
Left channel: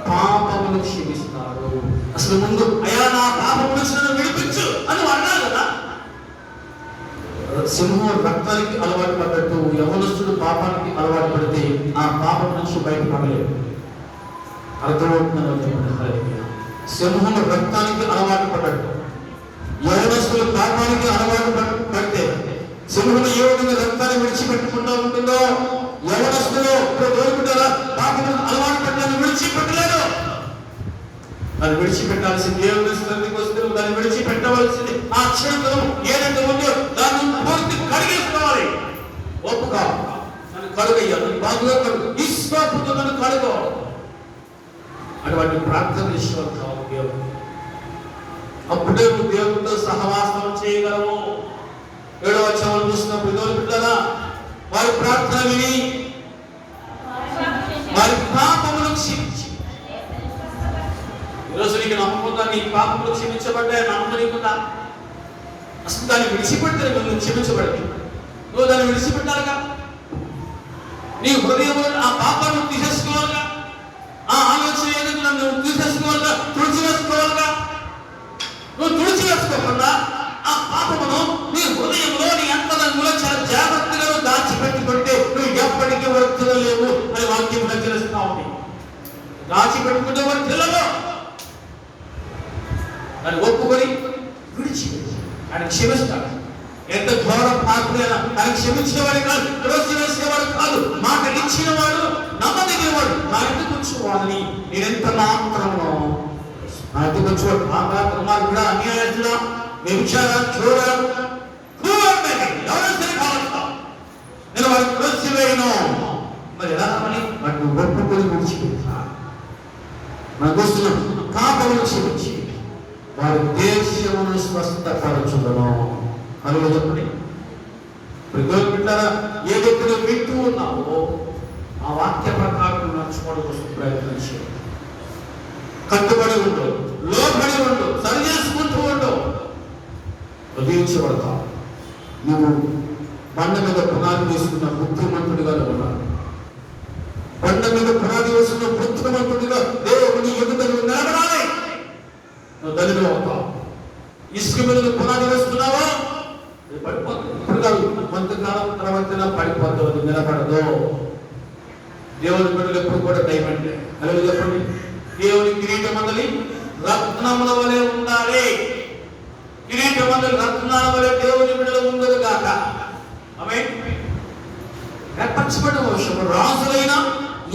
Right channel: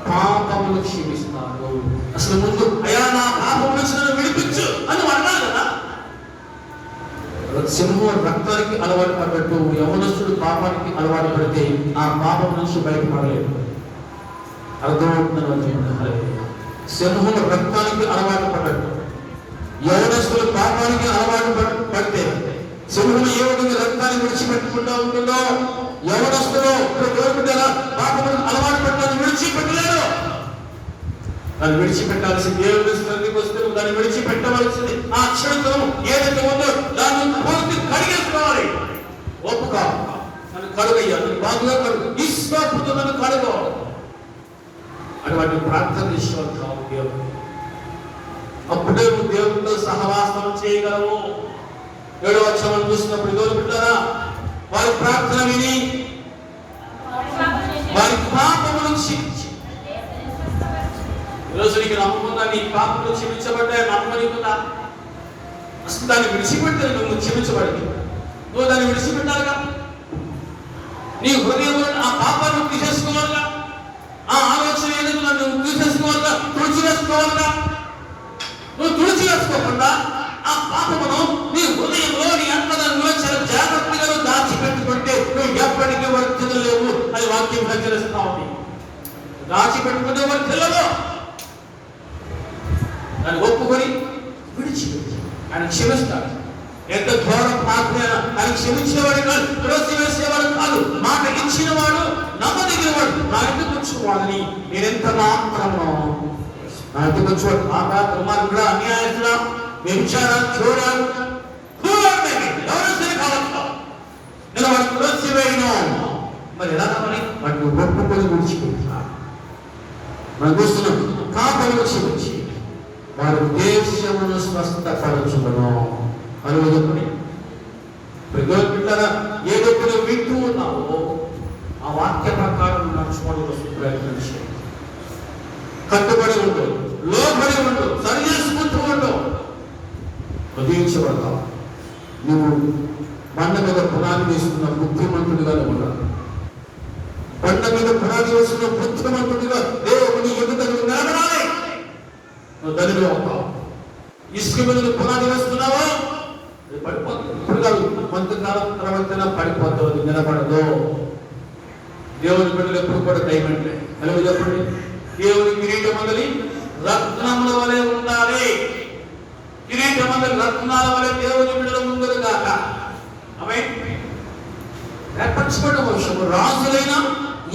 పాపములు క్షమిస్తాడు. అసలు ముందు అయ్యా నా పాపం నుంచి విడిపించు అని అన్నాడు కదా. సింహం రక్తానికి అలవాటు పడ్డట్టు యవనస్తుడు పాపానికి అలవాటు పడితే ఆ పాపం నుంచి బయటపడలేదు. అర్థమవుతున్నారు? సింహం రక్తానికి అలవాటు పడ్డట్టు యవనస్తుడు పాపానికి అలవాటు పడితే సింహం ఏ విధంగా రక్తాన్ని విడిచిపెట్టుకుంటూ ఉంటుందో యవనస్తుడు పాపం అలవాటు పడ్డాన్ని విడిచిపెట్టలేడు. దాన్ని విడిచిపెట్టాల్సింది. దేవుడి స్థితికి వస్తే దాన్ని విడిచిపెట్టవలసింది. ఆ క్షణికం ఏదైతే ఉందో దాన్ని పూర్తి కడిగేసుకోవాలి. ఒప్పుగా అని కడుగయ్యాలి, బాగుగా కడుగు, ఈశ్వరుతో నన్ను కడుగోవాలి. అటువంటి ప్రార్థన విషయం కావు దేవుడు. అప్పుడే నువ్వు దేవుడితో సహవాసం చేయగలవు. 7వ వచనం చూసినప్పుడు దేవుడుంటారా, వారి ప్రార్థన విని వారి పాపమును క్షమించి. ఈరోజు నీకు నమ్మకుందా నీ పాపములు క్షమించబడ్డాయి? నమ్మనికుందా? అసలు దాన్ని విడిచిపెడితే నువ్వు క్షమించబడి నువ్వు దాన్ని విడిచిపెట్టాలిగా. నీ హృదయంలో ఆ పాపాన్ని తీసేసుకోవాలిగా. ఆ ఆలోచన ఏదైతే నువ్వు తీసేసుకోవాలిగా, తుడిచివేసుకోవాలిగా. నువ్వు తుడిచివేసుకోకుండా ఆ పాపమును నీ హృదయంలో నీ అంతరంగంలో చాలా జాగ్రత్తగా దాచిపెట్టుకుంటే నువ్వు ఎప్పటికీ వర్తిల్లలేవు అని వాక్యం హెచ్చరిస్తా ఉంది. దాచిపెట్టుకుంటే వర్తిల్లలో దాన్ని ఒప్పుకొని విడిచిపెట్టి ఆయన క్షమిస్తాడు. ఎంత ఘోర ప్రార్థన! ఆయన క్షమించేవాడు కాదు, త్రోసివేసేవాడు కాదు, మాట ఇచ్చిన వాడు, నమ్మదగినవాడు. నా ఎందుకు వచ్చేవాడిని నేనెంత మాత్రము నా ఎందుకు వచ్చేవాడు నా మాత్రం కూడా అన్యాయస్తుడా, వ్యభిచారం, చూడాలి ఎవరు సరే కాలంలో నేను వాడిని త్రోసివేయను. మరి ఎలా అని వాటిని ఒప్పుకొని విడిచిపెట్టా మన దోస్తులు కాపలను క్షమించి వారు దేశమును స్వస్థపరచును. అని చెప్పండి. ఏదైతే నువ్వు వింటూ ఉన్నావో ఆ వాక్య ప్రకారం నడుచుకోవడం ప్రయత్నించి కట్టుబడి ఉండవు, లోబడి ఉండవు, సరి చేసుకుంటూ ఉండవు, వదిలించబడతావు. నువ్వు బండ మీద పునాది వేసుకున్న బుద్ధిమంతుడిగా ఉన్నావు. బండ మీద పునాది వేసుకున్న బుద్ధిమంతుడిగా దేవుని ఎదుట నువ్వు నిలబడాలి. నువ్వు దళిలో అవుతావు. ఇసుక మీద నువ్వు పునాది వేస్తున్నావా? ఇప్పుడు కాదు, కొంతకాలం తర్వాత పడిపోతుంది, నిలబడదు. దేవుని బిడ్డలు ఎప్పుడు కూడా టైం అంటే అలాగే చెప్పండి. దేవుని కిరీటం మందలి రత్నముల వలె ఉండాలి. కిరీటం మందలి రత్నాల వలె దేవుని బిడ్డలు ఉండదు కాక. ఆమేన్. ఏర్పరచబడిన వంశము, రాజులైన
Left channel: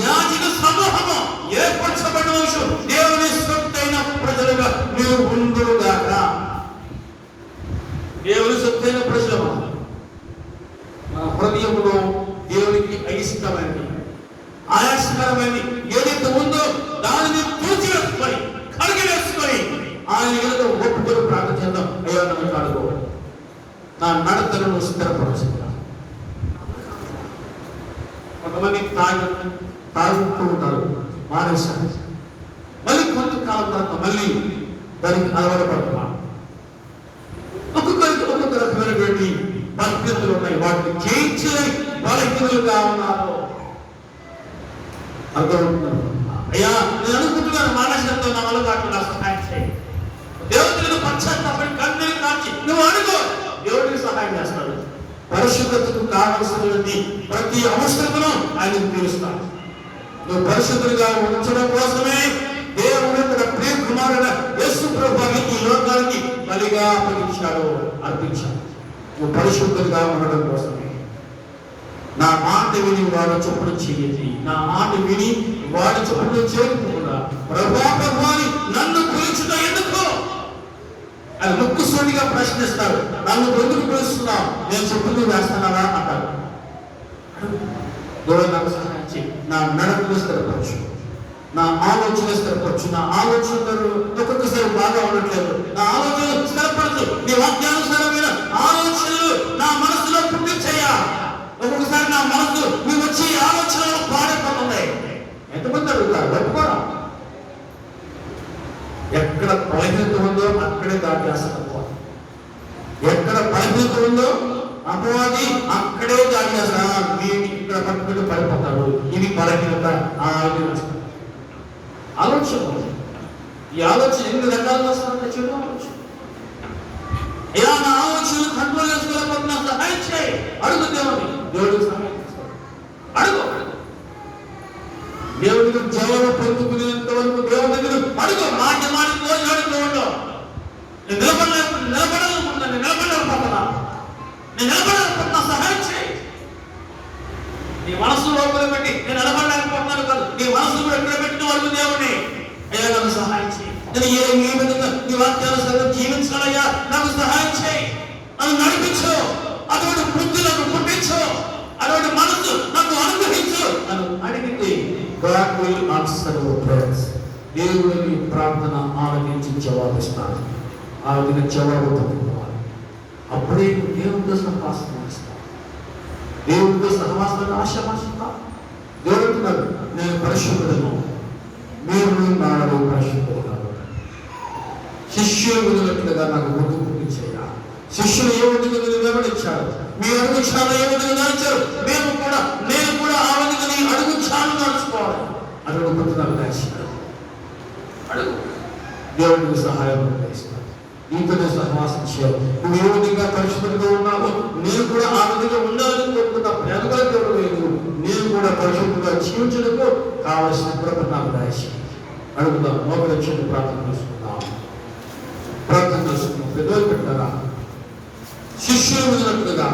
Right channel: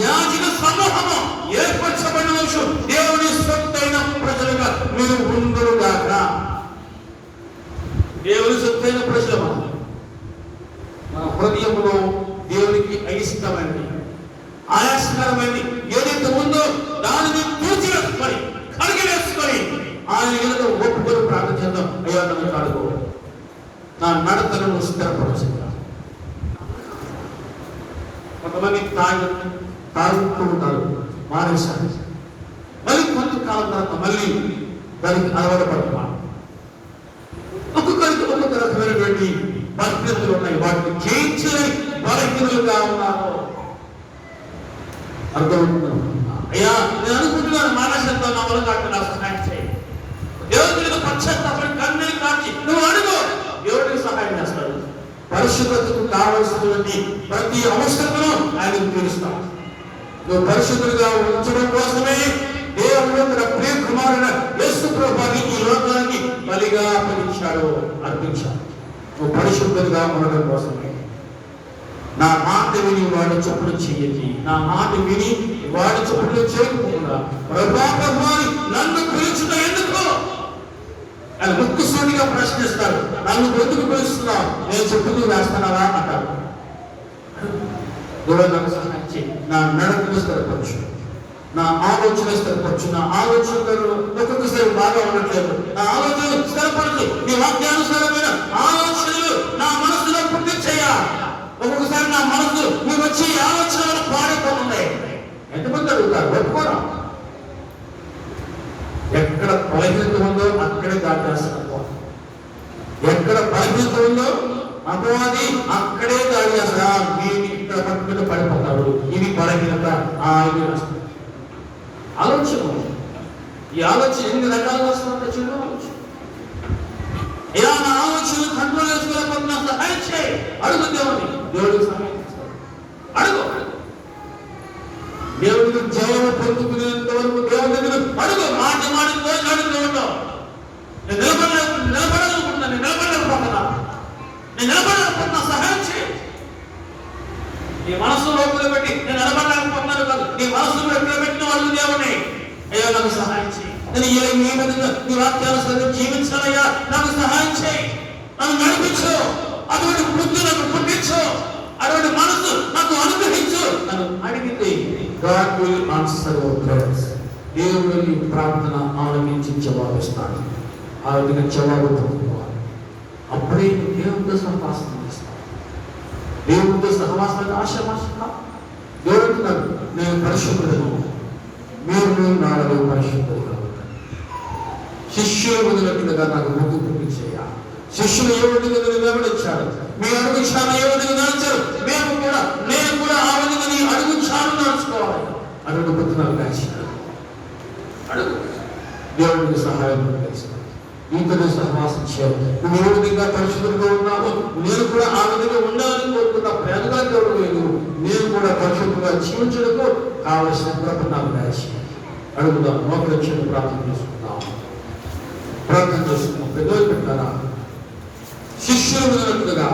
యాజక సమూహము, ఏర్పరచబడిన వంశం, దేవుని సొత్తైన ప్రజలుగా మీరు ఉందురు గాక. దేవుని సొత్తైన ప్రజలు మన హృదయంలో దేవునికి అయిష్టమైనది, ఆయాసకరమైనది ఏదైతే ఉందో దానిని తీర్చివేసుకొని కడిగి వేసుకొని ఆయన ఏదో ఒప్పుకొని ప్రార్థన చేద్దాం. అయ్యో నన్ను అడుగు, నా నడతలను స్థిరపరుస్తుంది. కొంతమంది తాగుతూ ఉంటారు, మానేశారు. మళ్ళీ కొంతకాలం తర్వాత మళ్ళీ దానికి ఆధారపడతాం. ఒక్కొక్కరికి ఒక్కొక్క రకమైనటువంటి పరిస్థితులు ఉన్నాయి. వాటిని జయించలేని బలహీనులుగా ఉన్నారు. అర్థమవుతున్నారు? అయ్యా నేను అనుకుంటున్నాను మానసికంగా నా వల్ల కాదు, నా సహాయం చేయి. దేవుడికి పశ్చాత్తాపడి కన్నీరు కాచి నువ్వు అడుగు, దేవుడికి సహాయం చేస్తాడు. పరిశుద్ధతకు కావలసినటువంటి ప్రతి అవసరతను ఆయనకు తీరుస్తాడు. నువ్వు పరిశుద్ధులుగా ఉంచడం కోసమే దేవుడు తన ప్రియ కుమారుడు యేసు ప్రభువుని ఈ లోకానికి బలిగా అర్పించాడు. నువ్వు పరిశుద్ధంగా ఉండడం కోసమే. నా మాట విని వాడు చొప్పున చెయ్యి, నా మాట విని వాడు చొప్పున చేయకుండా ప్రభావాన్ని నన్ను పిలుచుట ఎందుకు అని ముక్కుసూటిగా ప్రశ్నిస్తాడు. నన్ను ఎందుకు పిలుస్తున్నావు? నేను చెప్పింది వేస్తున్నావా అంటాడు. దూరంగా సహాయించి నా నడకలు స్థిరపరచు, నా ఆలోచన స్థిరపరచు. నా ఆలోచనలు ఒక్కొక్కసారి బాగా ఉండట్లేదు, నా ఆలోచనలు స్థిరపరచు. నీ వాక్యానుసారమైన ఆలోచనలు నా మనసులో పుట్టించయ్యా. ఒక్కొక్కసారి నా మనసు నీ వచ్చే ఆలోచనలు పాడైపోతుంది. ఎంతమంది అడుగుతారు? ఒప్పుకోరా? ఎక్కడ బలహీనత ఉందో అక్కడే దాటేస్తాను. ఎక్కడ బలహీనత ఉందో అపవాది అక్కడే దాడి చేస్తా. వీడిని ఇక్కడ పట్టుకుంటూ పడిపోతాడు. ఇది బలహీనత. ఆలోచన, ఈ ఆలోచన ఎన్ని రకాలుగా వస్తుందో చిన్న ఆలోచన. ఇలా నా ఆలోచన కంట్రోల్ చేసుకోలేకపోతున్నా, సహాయం చేయి. అడుగు దేవుడిని, దేవుడికి సహాయం చేస్తాడు. అడుగు దేవుడికి జవాబు పొందుకునేంత వరకు దేవుడి దగ్గర అడుగు. మాట రోజు అడుగుతూ నేను నిలబడాలనుకుంటున్నా, నేను నిలబడాలనుకుంటున్నా, సహాయం చేయి. నీ మనసు లోపల పెట్టి నేను నిలబడలేకపోతున్నాను కాదు, నీ మనసు ఎక్కడ పెట్టిన వాళ్ళు దేవుడిని అయ్యా నాకు సహాయం చేయి. నేను ఈ విధంగా నీ వాక్యానుసారం జీవించాలయ్యా, నాకు సహాయం చేయి, నన్ను నడిపించు, అటువంటి బుద్ధి నాకు పుట్టించు, అటువంటి మనసు నాకు అనుగ్రహించు నన్ను అడిగింది. God will answer your prayers. దేవుడు నీ ప్రార్థన ఆలకించి జవాబిస్తాడు. ఆ విధంగా జవాబు పొందుకోవాలి. అప్పుడే దేవుడితో సహవాసం చేస్తావు. దేవుడితో సహవాసానికి ఆశపడుతున్నావు. దేవుడు అంటున్నాడు, నేను పరిశుద్ధుడను, మీరు నాలో పరిశుద్ధులు కాబట్టి శిష్యులు వదిలినట్లుగా నాకు ముందు పుట్టించేయ. శిష్యులు ఏ విధంగా గమనించారు, మీ అడుగు చాలు ఏ విధంగా నడిచారు, నేను కూడా ఆ విధంగా నీ అడుగు చాలు నడుచుకోవాలి. అడుగు పుట్టినాలు కాల్చింది అడుగు దేవుడికి సహాయం చేస్తాడు. నీతో సహవాసం చేయాలి. నువ్వు ఏ విధంగా పరిశుద్ధులుగా ఉన్నావో నేను కూడా ఆ విధంగా ఉండాలని కోరుకున్నా. ప్రేమగా దేవుడు నేను కూడా పరిశుద్ధంగా జీవించడానికి కావలసిన కృపణాలు రాసి అడుగుదాం. మోకరించండి, ప్రార్థన చేసుకున్నాం. పెద్దలు పెట్టారా శిష్యులు ఉన్నట్లుగా